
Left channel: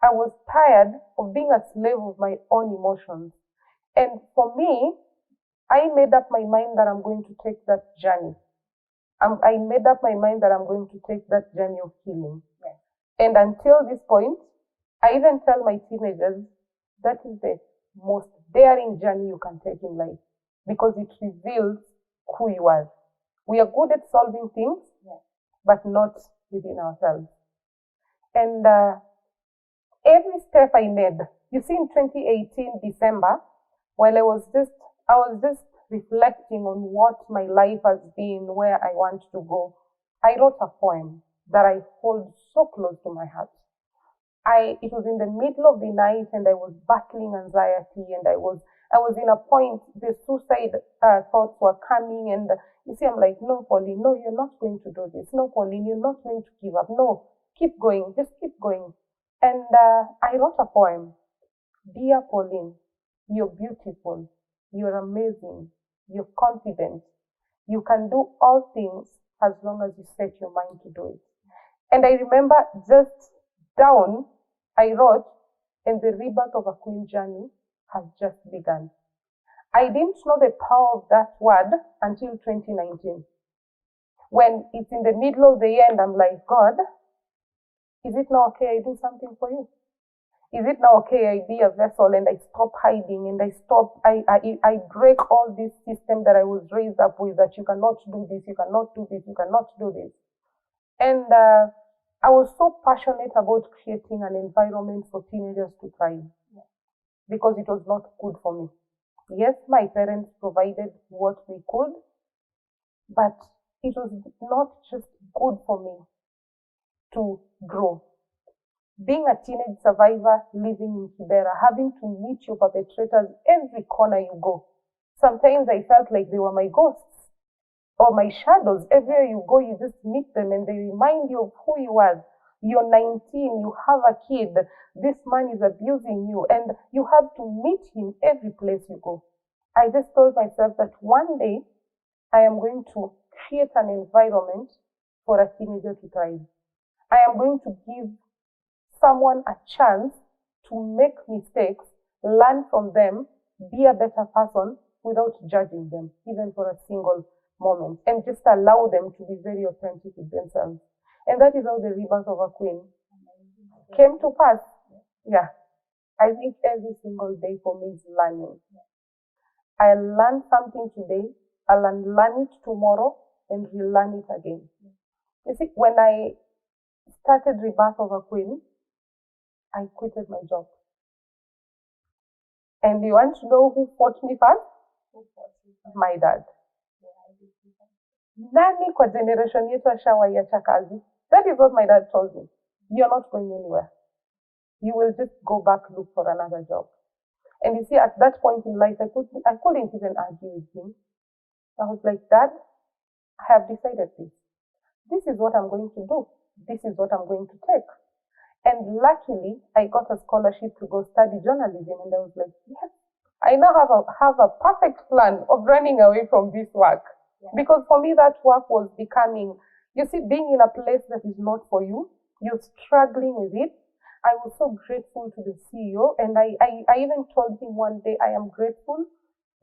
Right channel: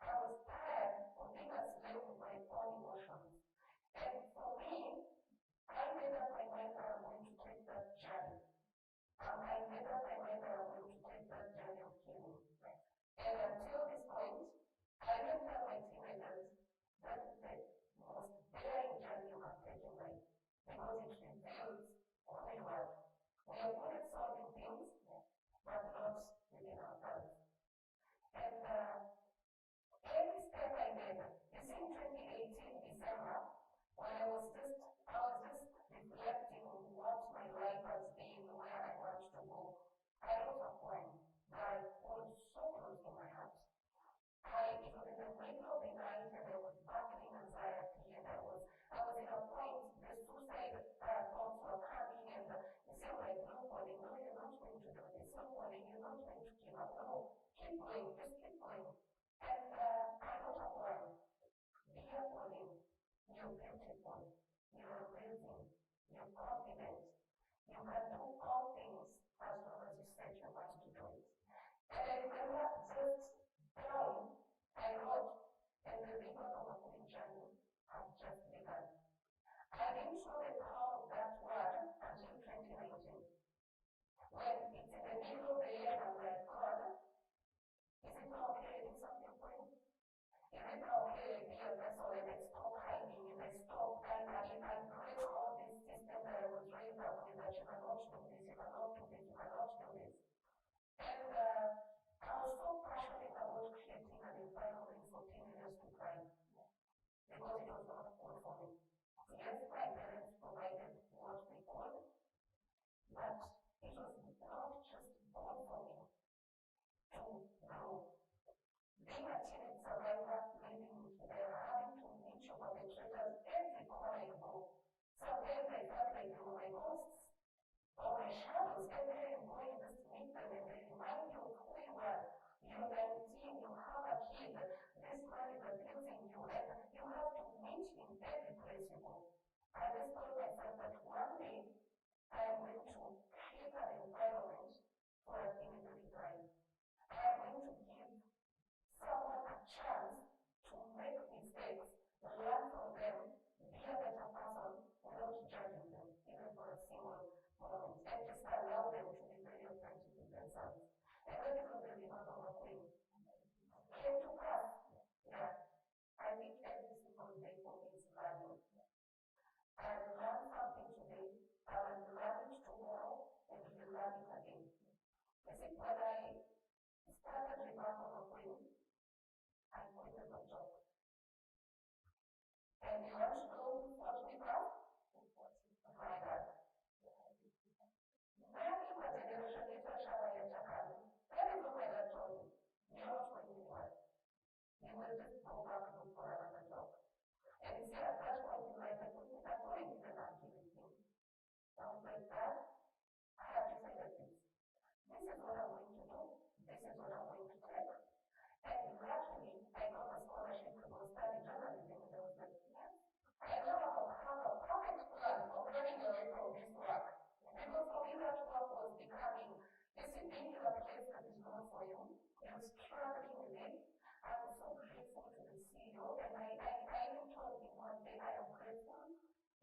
I was tired of being a slave of my own emotions. And for me, I made up my mind that I'm going to take that journey. I made up my mind that I'm going to take that journey of healing. Yes. And until this point, I even tell my teenagers, that is the most daring journey you can take in life, because it reveals who you are. We are good at solving things, yes, but not within ourselves. And every step I made, you see, in 2018, December, while I was just reflecting on what my life has been, where I want to go, I wrote a poem that I hold so close to my heart. It was in the middle of the night, and I was battling anxiety, and I was in a point, the suicide thoughts were coming, and you see, I'm like, no, Pauline, no, you're not going to do this. No, Pauline, you're not going to give up. No, keep going, just keep going. And I wrote a poem. Dear Pauline, you're beautiful, you're amazing, you're confident. You can do all things as long as you set your mind to do it. And I remember just down, I wrote, and the rebirth of a queen journey has just begun. I didn't know the power of that word until 2019. When it's in the middle of the year and I'm like, God, is it not okay I do something for you? Is Is it now okay I be a vessel and I stop hiding and I break all this system that I was raised up with, that you cannot do this, you cannot do this, you cannot do this. And I was so passionate about creating an environment for teenagers to thrive, because it was not good for me. Yes, my parents provided what they could, but it was not just good for me to grow. Being a teenage survivor living in Kibera, having to meet your perpetrators every corner you go. Sometimes I felt like they were my ghosts or my shadows. Everywhere you go, you just meet them and they remind you of who you are. You're 19, you have a kid, this man is abusing you, and you have to meet him every place you go. I just told myself that one day I am going to create an environment for a teenager to thrive. I am going to give someone a chance to make mistakes, learn from them, be a better person without judging them, even for a single moment, and just allow them to be very authentic with themselves. And that is how the rebirth of a queen came to pass. Yeah. I think every single day for me is learning. I learn something today, I'll learn it tomorrow, and relearn it again. You see, when I started Rebirth of a Queen, I quitted my job. And you want to know who fought me first? My dad. Nani kwa generation yetu ashawaiacha kazi? That is what my dad told me. You're not going anywhere. You will just go back, look for another job. And you see, at that point in life, I couldn't even argue with him. I was like, Dad, I have decided this. This is what I'm going to do. This is what I'm going to take. And luckily, I got a scholarship to go study journalism, and I was like, yes, I now have a perfect plan of running away from this work. Yeah. Because for me, that work was becoming, you see, being in a place that is not for you, you're struggling with it. I was so grateful to the CEO, and I even told him one day, I am grateful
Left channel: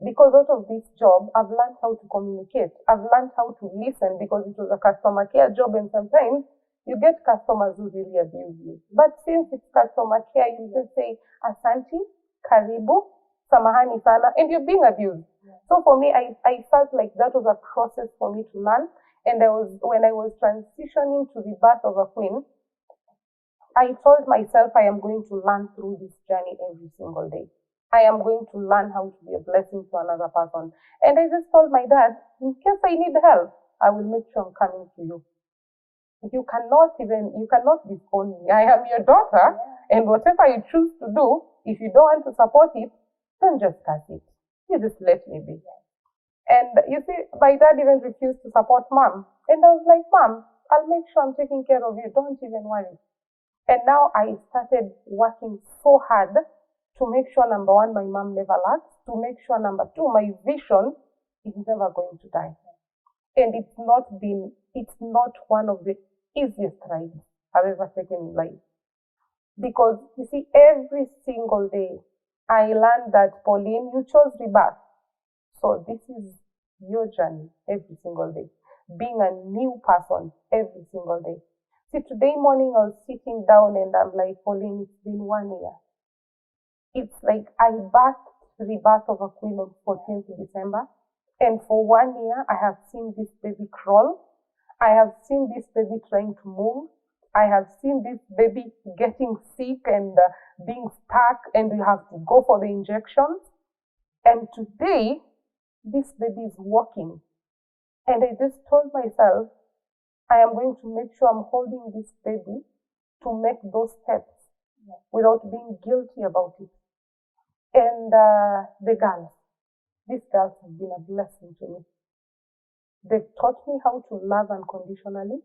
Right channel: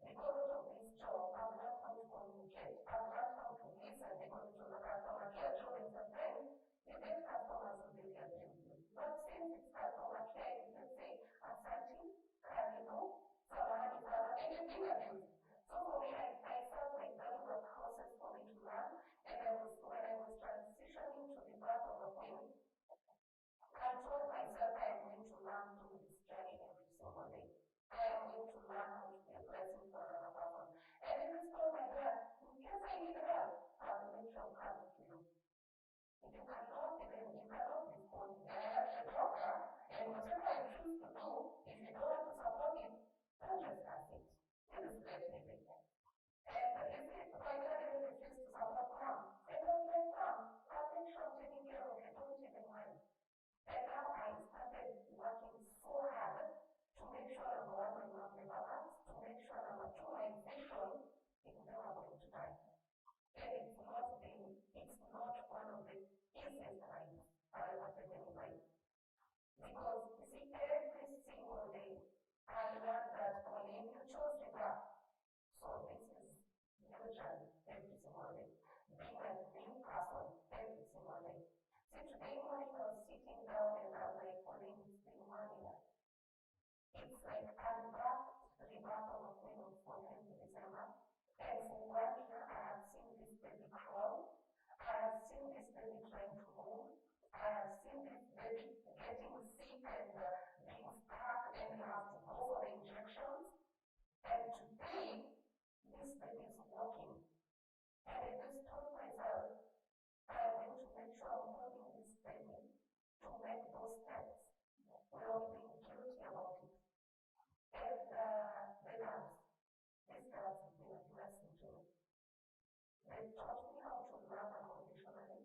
because out of this job, I've learned how to communicate. I've learned how to listen, because it was a customer care job, and sometimes you get customers who really abuse you. But since it's customer care, you just say, Asanti, Karibu, Samahani Sana, and you're being abused. Yeah. So for me, I felt like that was a process for me to learn. And when I was transitioning to the birth of a queen, I told myself I am going to learn through this journey every single day. I am going to learn how to be a blessing to another person. And I just told my dad, in case I need help, I will make sure I'm coming to you. You cannot disown me. I am your daughter, and whatever you choose to do, if you don't want to support it, don't just cut it. You just let me be. And you see, my dad even refused to support Mom. And I was like, Mom, I'll make sure I'm taking care of you. Don't even worry. And now I started working so hard to make sure, number one, my mom never lacks, to make sure, number two, my vision is never going to die. And it's not one of the easiest rides I've ever taken in life. Because you see, every single day, I learned that, Pauline, you chose rebirth. So this is your journey every single day. Being a new person every single day. See, today morning I was sitting down and I'm like, Pauline, it's been 1 year. It's like I birthed Rebirth of a Queen on 14th December. And for 1 year, I have seen this baby crawl. I have seen this baby trying to move. I have seen this baby getting sick and being stuck, and you have to go for the injections. And today, this baby is walking. And I just told myself, I am going to make sure I'm holding this baby to make those steps without being guilty about it. And the girls, these girls have been a blessing to me. They've taught me how to love unconditionally.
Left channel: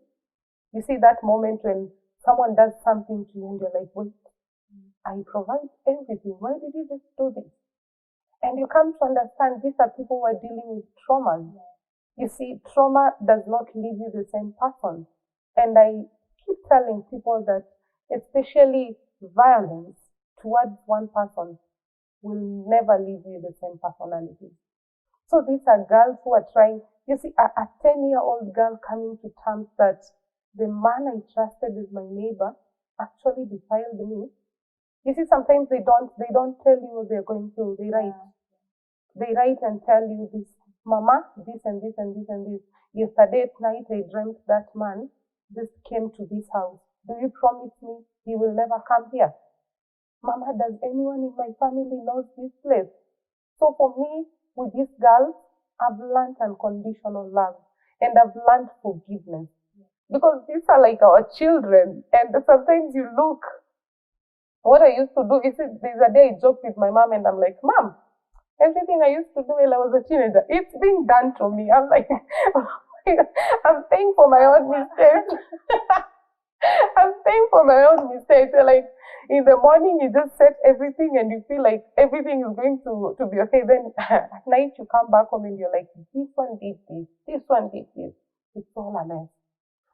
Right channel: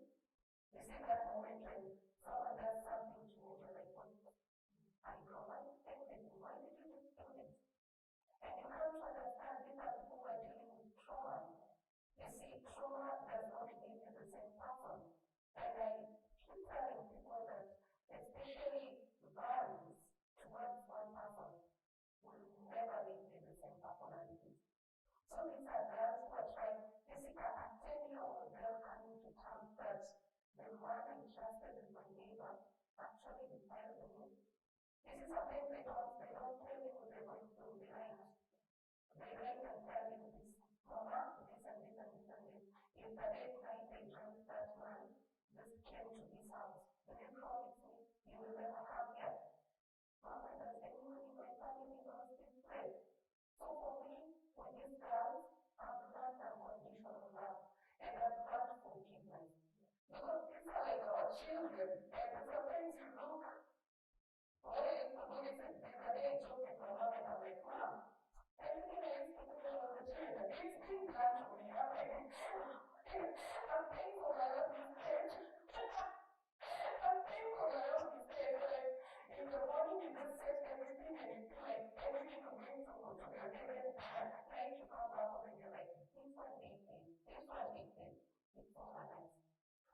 You see that moment when someone does something to you and you're like, wait, I provide everything. Why did you just do this? And you come to understand these are people who are dealing with traumas. You see, trauma does not leave you the same person. And I keep telling people that especially violence towards one person will never leave you the same personality. So these are girls who are trying, you see, a 10-year-old girl coming to terms that the man I trusted as my neighbor actually defiled me. You see, sometimes they don't tell you what they're going through. They write. They write and tell you this, Mama, this and this and this and this. Yesterday at night I dreamt that man just came to this house. Do you promise me he will never come here? Mama, does anyone in my family knows this place? So for me, with these girls, I've learned unconditional love and I've learned forgiveness. Because these are like our children, and sometimes you look. What I used to do is, there's a day I joked with my mom and I'm like, Mom, everything I used to do while I was a teenager, it's being done to me. I'm like, I'm paying for my own mistakes. I'm paying for my own mistakes. So like, in the morning, you just set everything and you feel like everything is going to be okay. Then at night, you come back home and you're like, this one did this one did this. It's all a mess.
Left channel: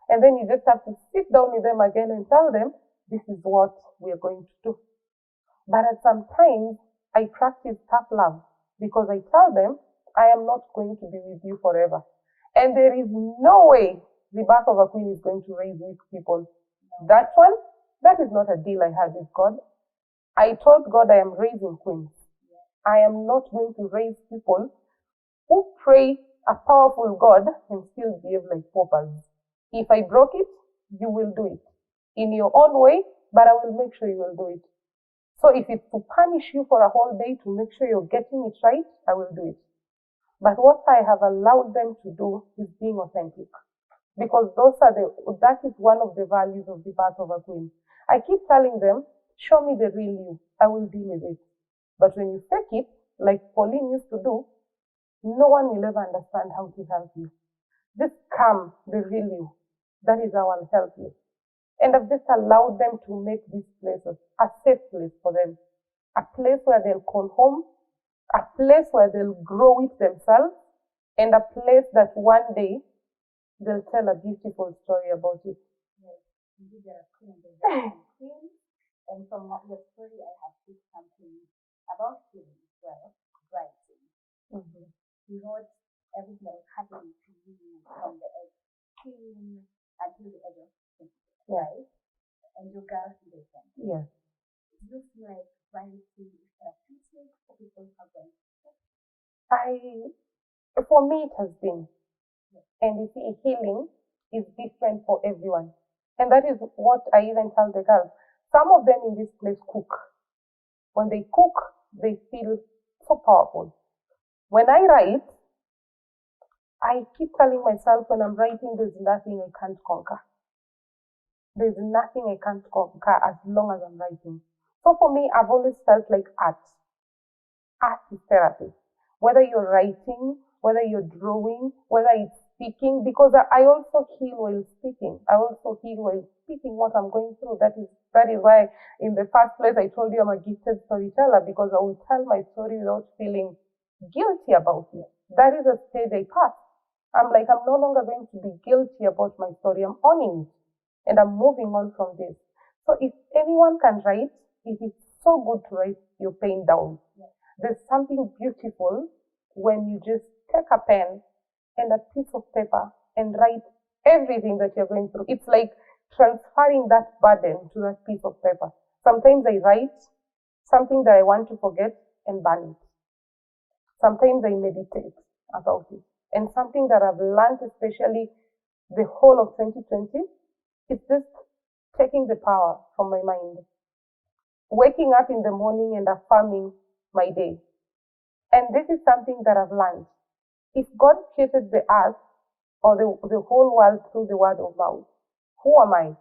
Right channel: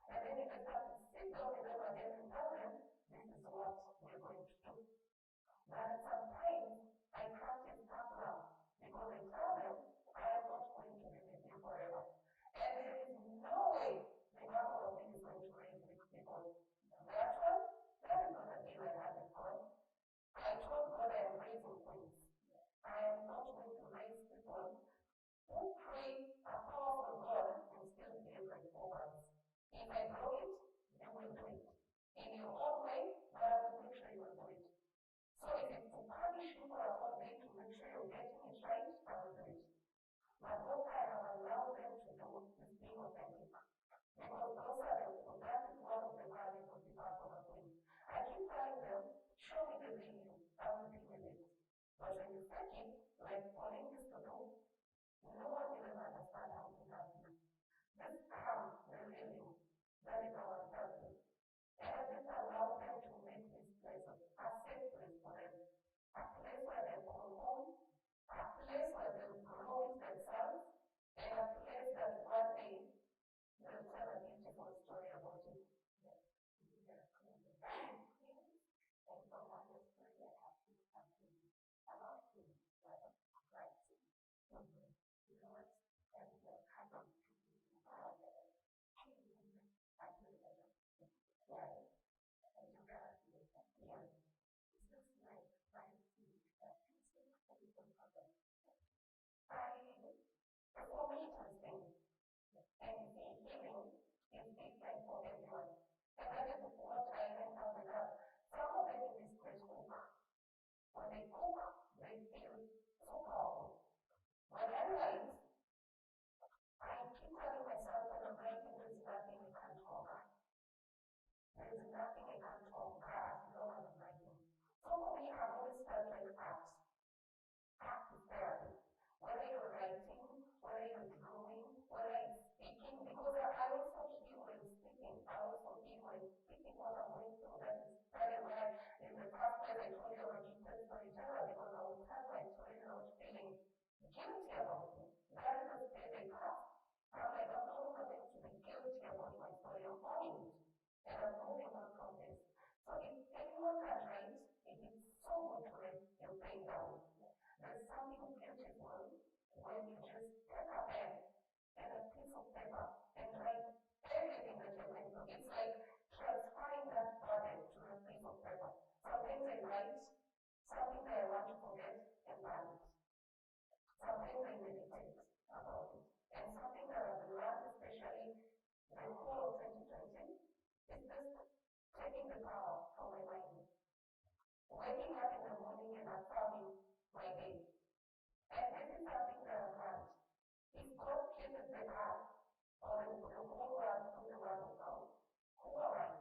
And then you just have to sit down with them again and tell them, this is what we're going to do. But at some times, I practice tough love because I tell them, I am not going to be with you forever. And there is no way the birth of a queen is going to raise weak people. That one, that is not a deal I had with God. I told God I am raising queens. I am not going to raise people who pray a powerful God and still behave like paupers. If I broke it, you will do it in your own way, but I will make sure you will do it. So if it's to punish you for a whole day to make sure you're getting it right, I will do it. But what I have allowed them to do is being authentic. Because that is one of the values of the birth of a queen. I keep telling them, show me the real you, I will deal with it. But when you fake it, like Pauline used to do, no one will ever understand how to help you. Just come, the real you. That is how I'll help you. And I've just allowed them to make these places a safe place for them. A place where they'll call home, a place where they'll grow with themselves, and a place that one day they'll tell a beautiful story about it. Yes, indeed, there are queens. And from your story, I have picked something about healing as well, writing. Mm-hmm. You wrote everything that was happening to you from the age of 15 until the age of 20, right? And your girls did the same. Yes. It looks like writing is therapeutic for people who have done it. For me, it has been. Yes. And you see, healing is different for everyone. And that is what I even tell the girls. Some of them in this place cook. When they cook, they feel so powerful. When I write, I keep telling myself when I'm writing, there's nothing I can't conquer. There's nothing I can't conquer as long as I'm writing. So for me, I've always felt like art. Art is therapy. Whether you're writing, whether you're drawing, whether it's speaking, because I also heal while speaking. I also heal while speaking what I'm going through. That is why in the first place I told you I'm a gifted storyteller, because I will tell my story without feeling guilty about it. That is a stage I passed. I'm like, I'm no longer going to be guilty about my story. I'm owning it. And I'm moving on from this. So if anyone can write, it is so good to write your pain down. There's something beautiful when you just take a pen and a piece of paper and write everything that you're going through. It's like transferring that burden to that piece of paper. Sometimes I write something that I want to forget and burn it. Sometimes I meditate about it. And something that I've learned, especially the whole of 2020, is just taking the power from my mind. Waking up in the morning and affirming my day. And this is something that I've learned. If God created the earth or the whole world through the word of mouth, who am I?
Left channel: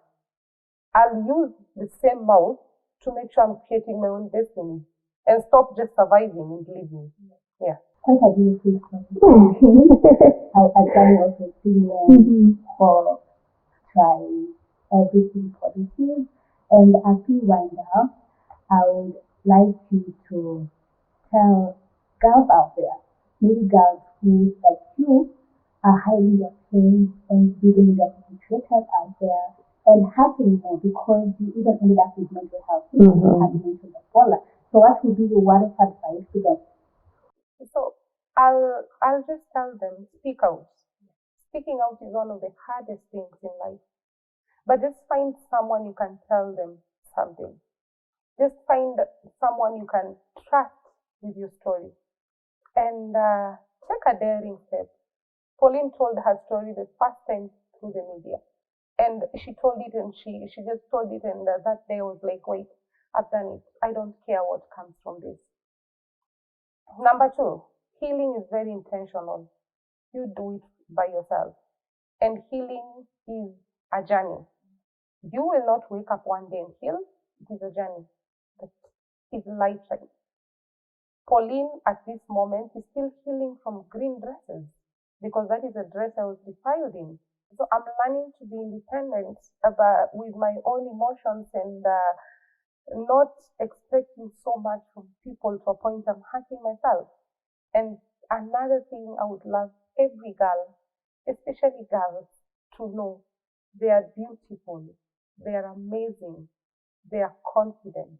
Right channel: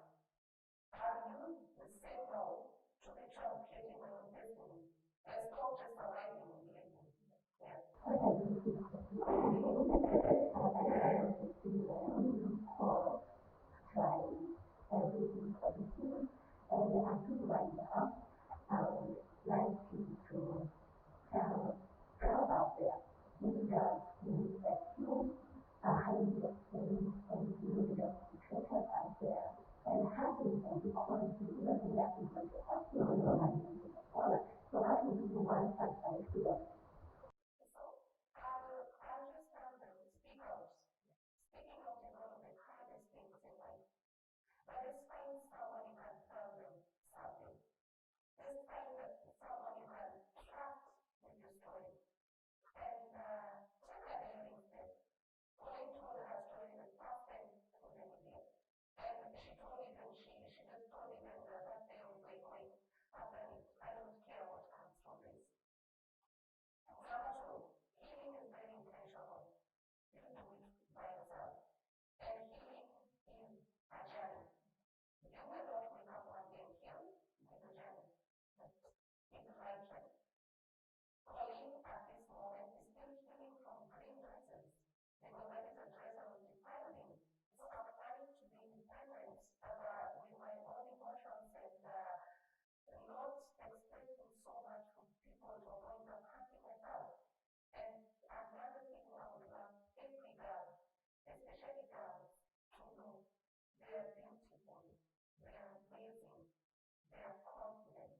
I'll use the same mouth to make sure I'm creating my own destiny and stop just surviving and living. Yeah. Quite a beautiful question. I can also see for trying everything for this year. And as we wind up, I would like you to tell girls out there, maybe girls who, like you, are highly ashamed and feeling that creators out there and hurting them because you even ended up with mental health and mental bipolar. So what would be your word of advice to them? So I'll just tell them, speak out. Speaking out is one of the hardest things in life. But just find someone you can tell them something. Just find someone you can trust with your story and take a daring step. Pauline told her story the first time through the media. And she told it and she just told it, and that day I was like, wait, I've done it. I don't care what comes from this. Number 2, healing is very intentional. You do it by yourself. And healing is a journey. You will not wake up one day and heal. It is a journey. It's a lifetime. Pauline, at this moment, is still healing from green dresses because that is a dress I was defiled in. So I'm learning to be independent with my own emotions and not expecting so much from people to a point I'm hurting myself. And another thing I would love every girl, especially girls, to know they are beautiful, they are amazing, they are confident,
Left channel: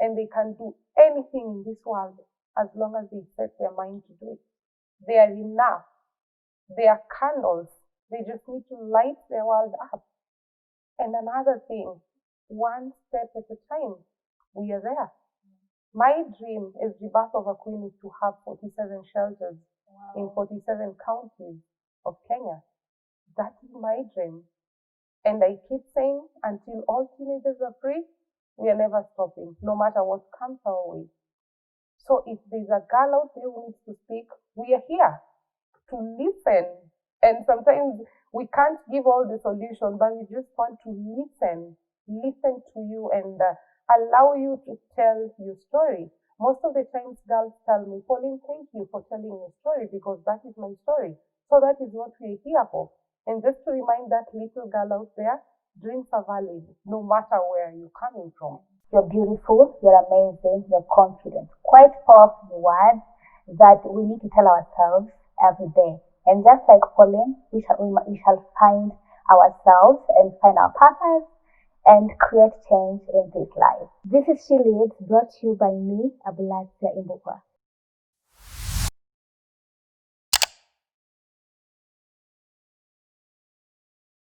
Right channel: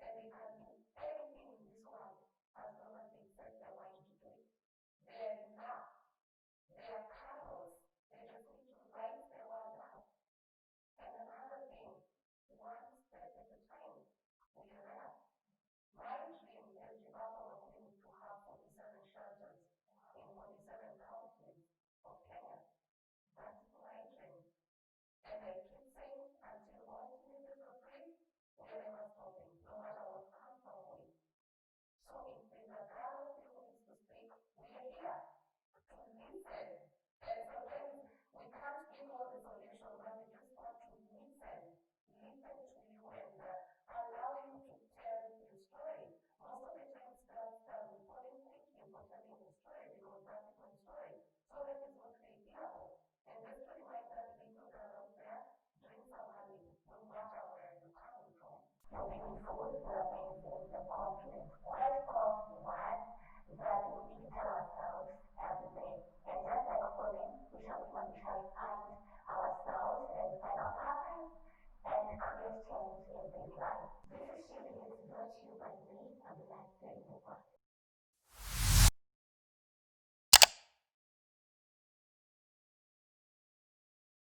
and they can do anything in this world as long as they set their mind to do it. They are enough. They are candles. They just need to light their world up. And another thing, one step at a time, we are there. My dream as Rebirth of a Queen is to have 47 shelters in 47 counties of Kenya. That is my dream. And I keep saying, until all teenagers are free, we are never stopping, no matter what comes our way. So if there's a girl out there who needs to speak, we are here to listen. And sometimes we can't give all the solutions, but we just want to listen to you and allow you to tell your story. Most of the times girls tell me, Pauline, thank you for telling your story because that is my story. So that is what we're here for. And just to remind that little girl out there, dreams are valid no matter where you're coming from. You're beautiful, you're amazing, you're confident. Quite powerful words that we need to tell ourselves every day. And just like Pauline, we shall find ourselves and find our purpose and create change in this life. This is She Leads, brought to you by me, Abulasia Imbukwa.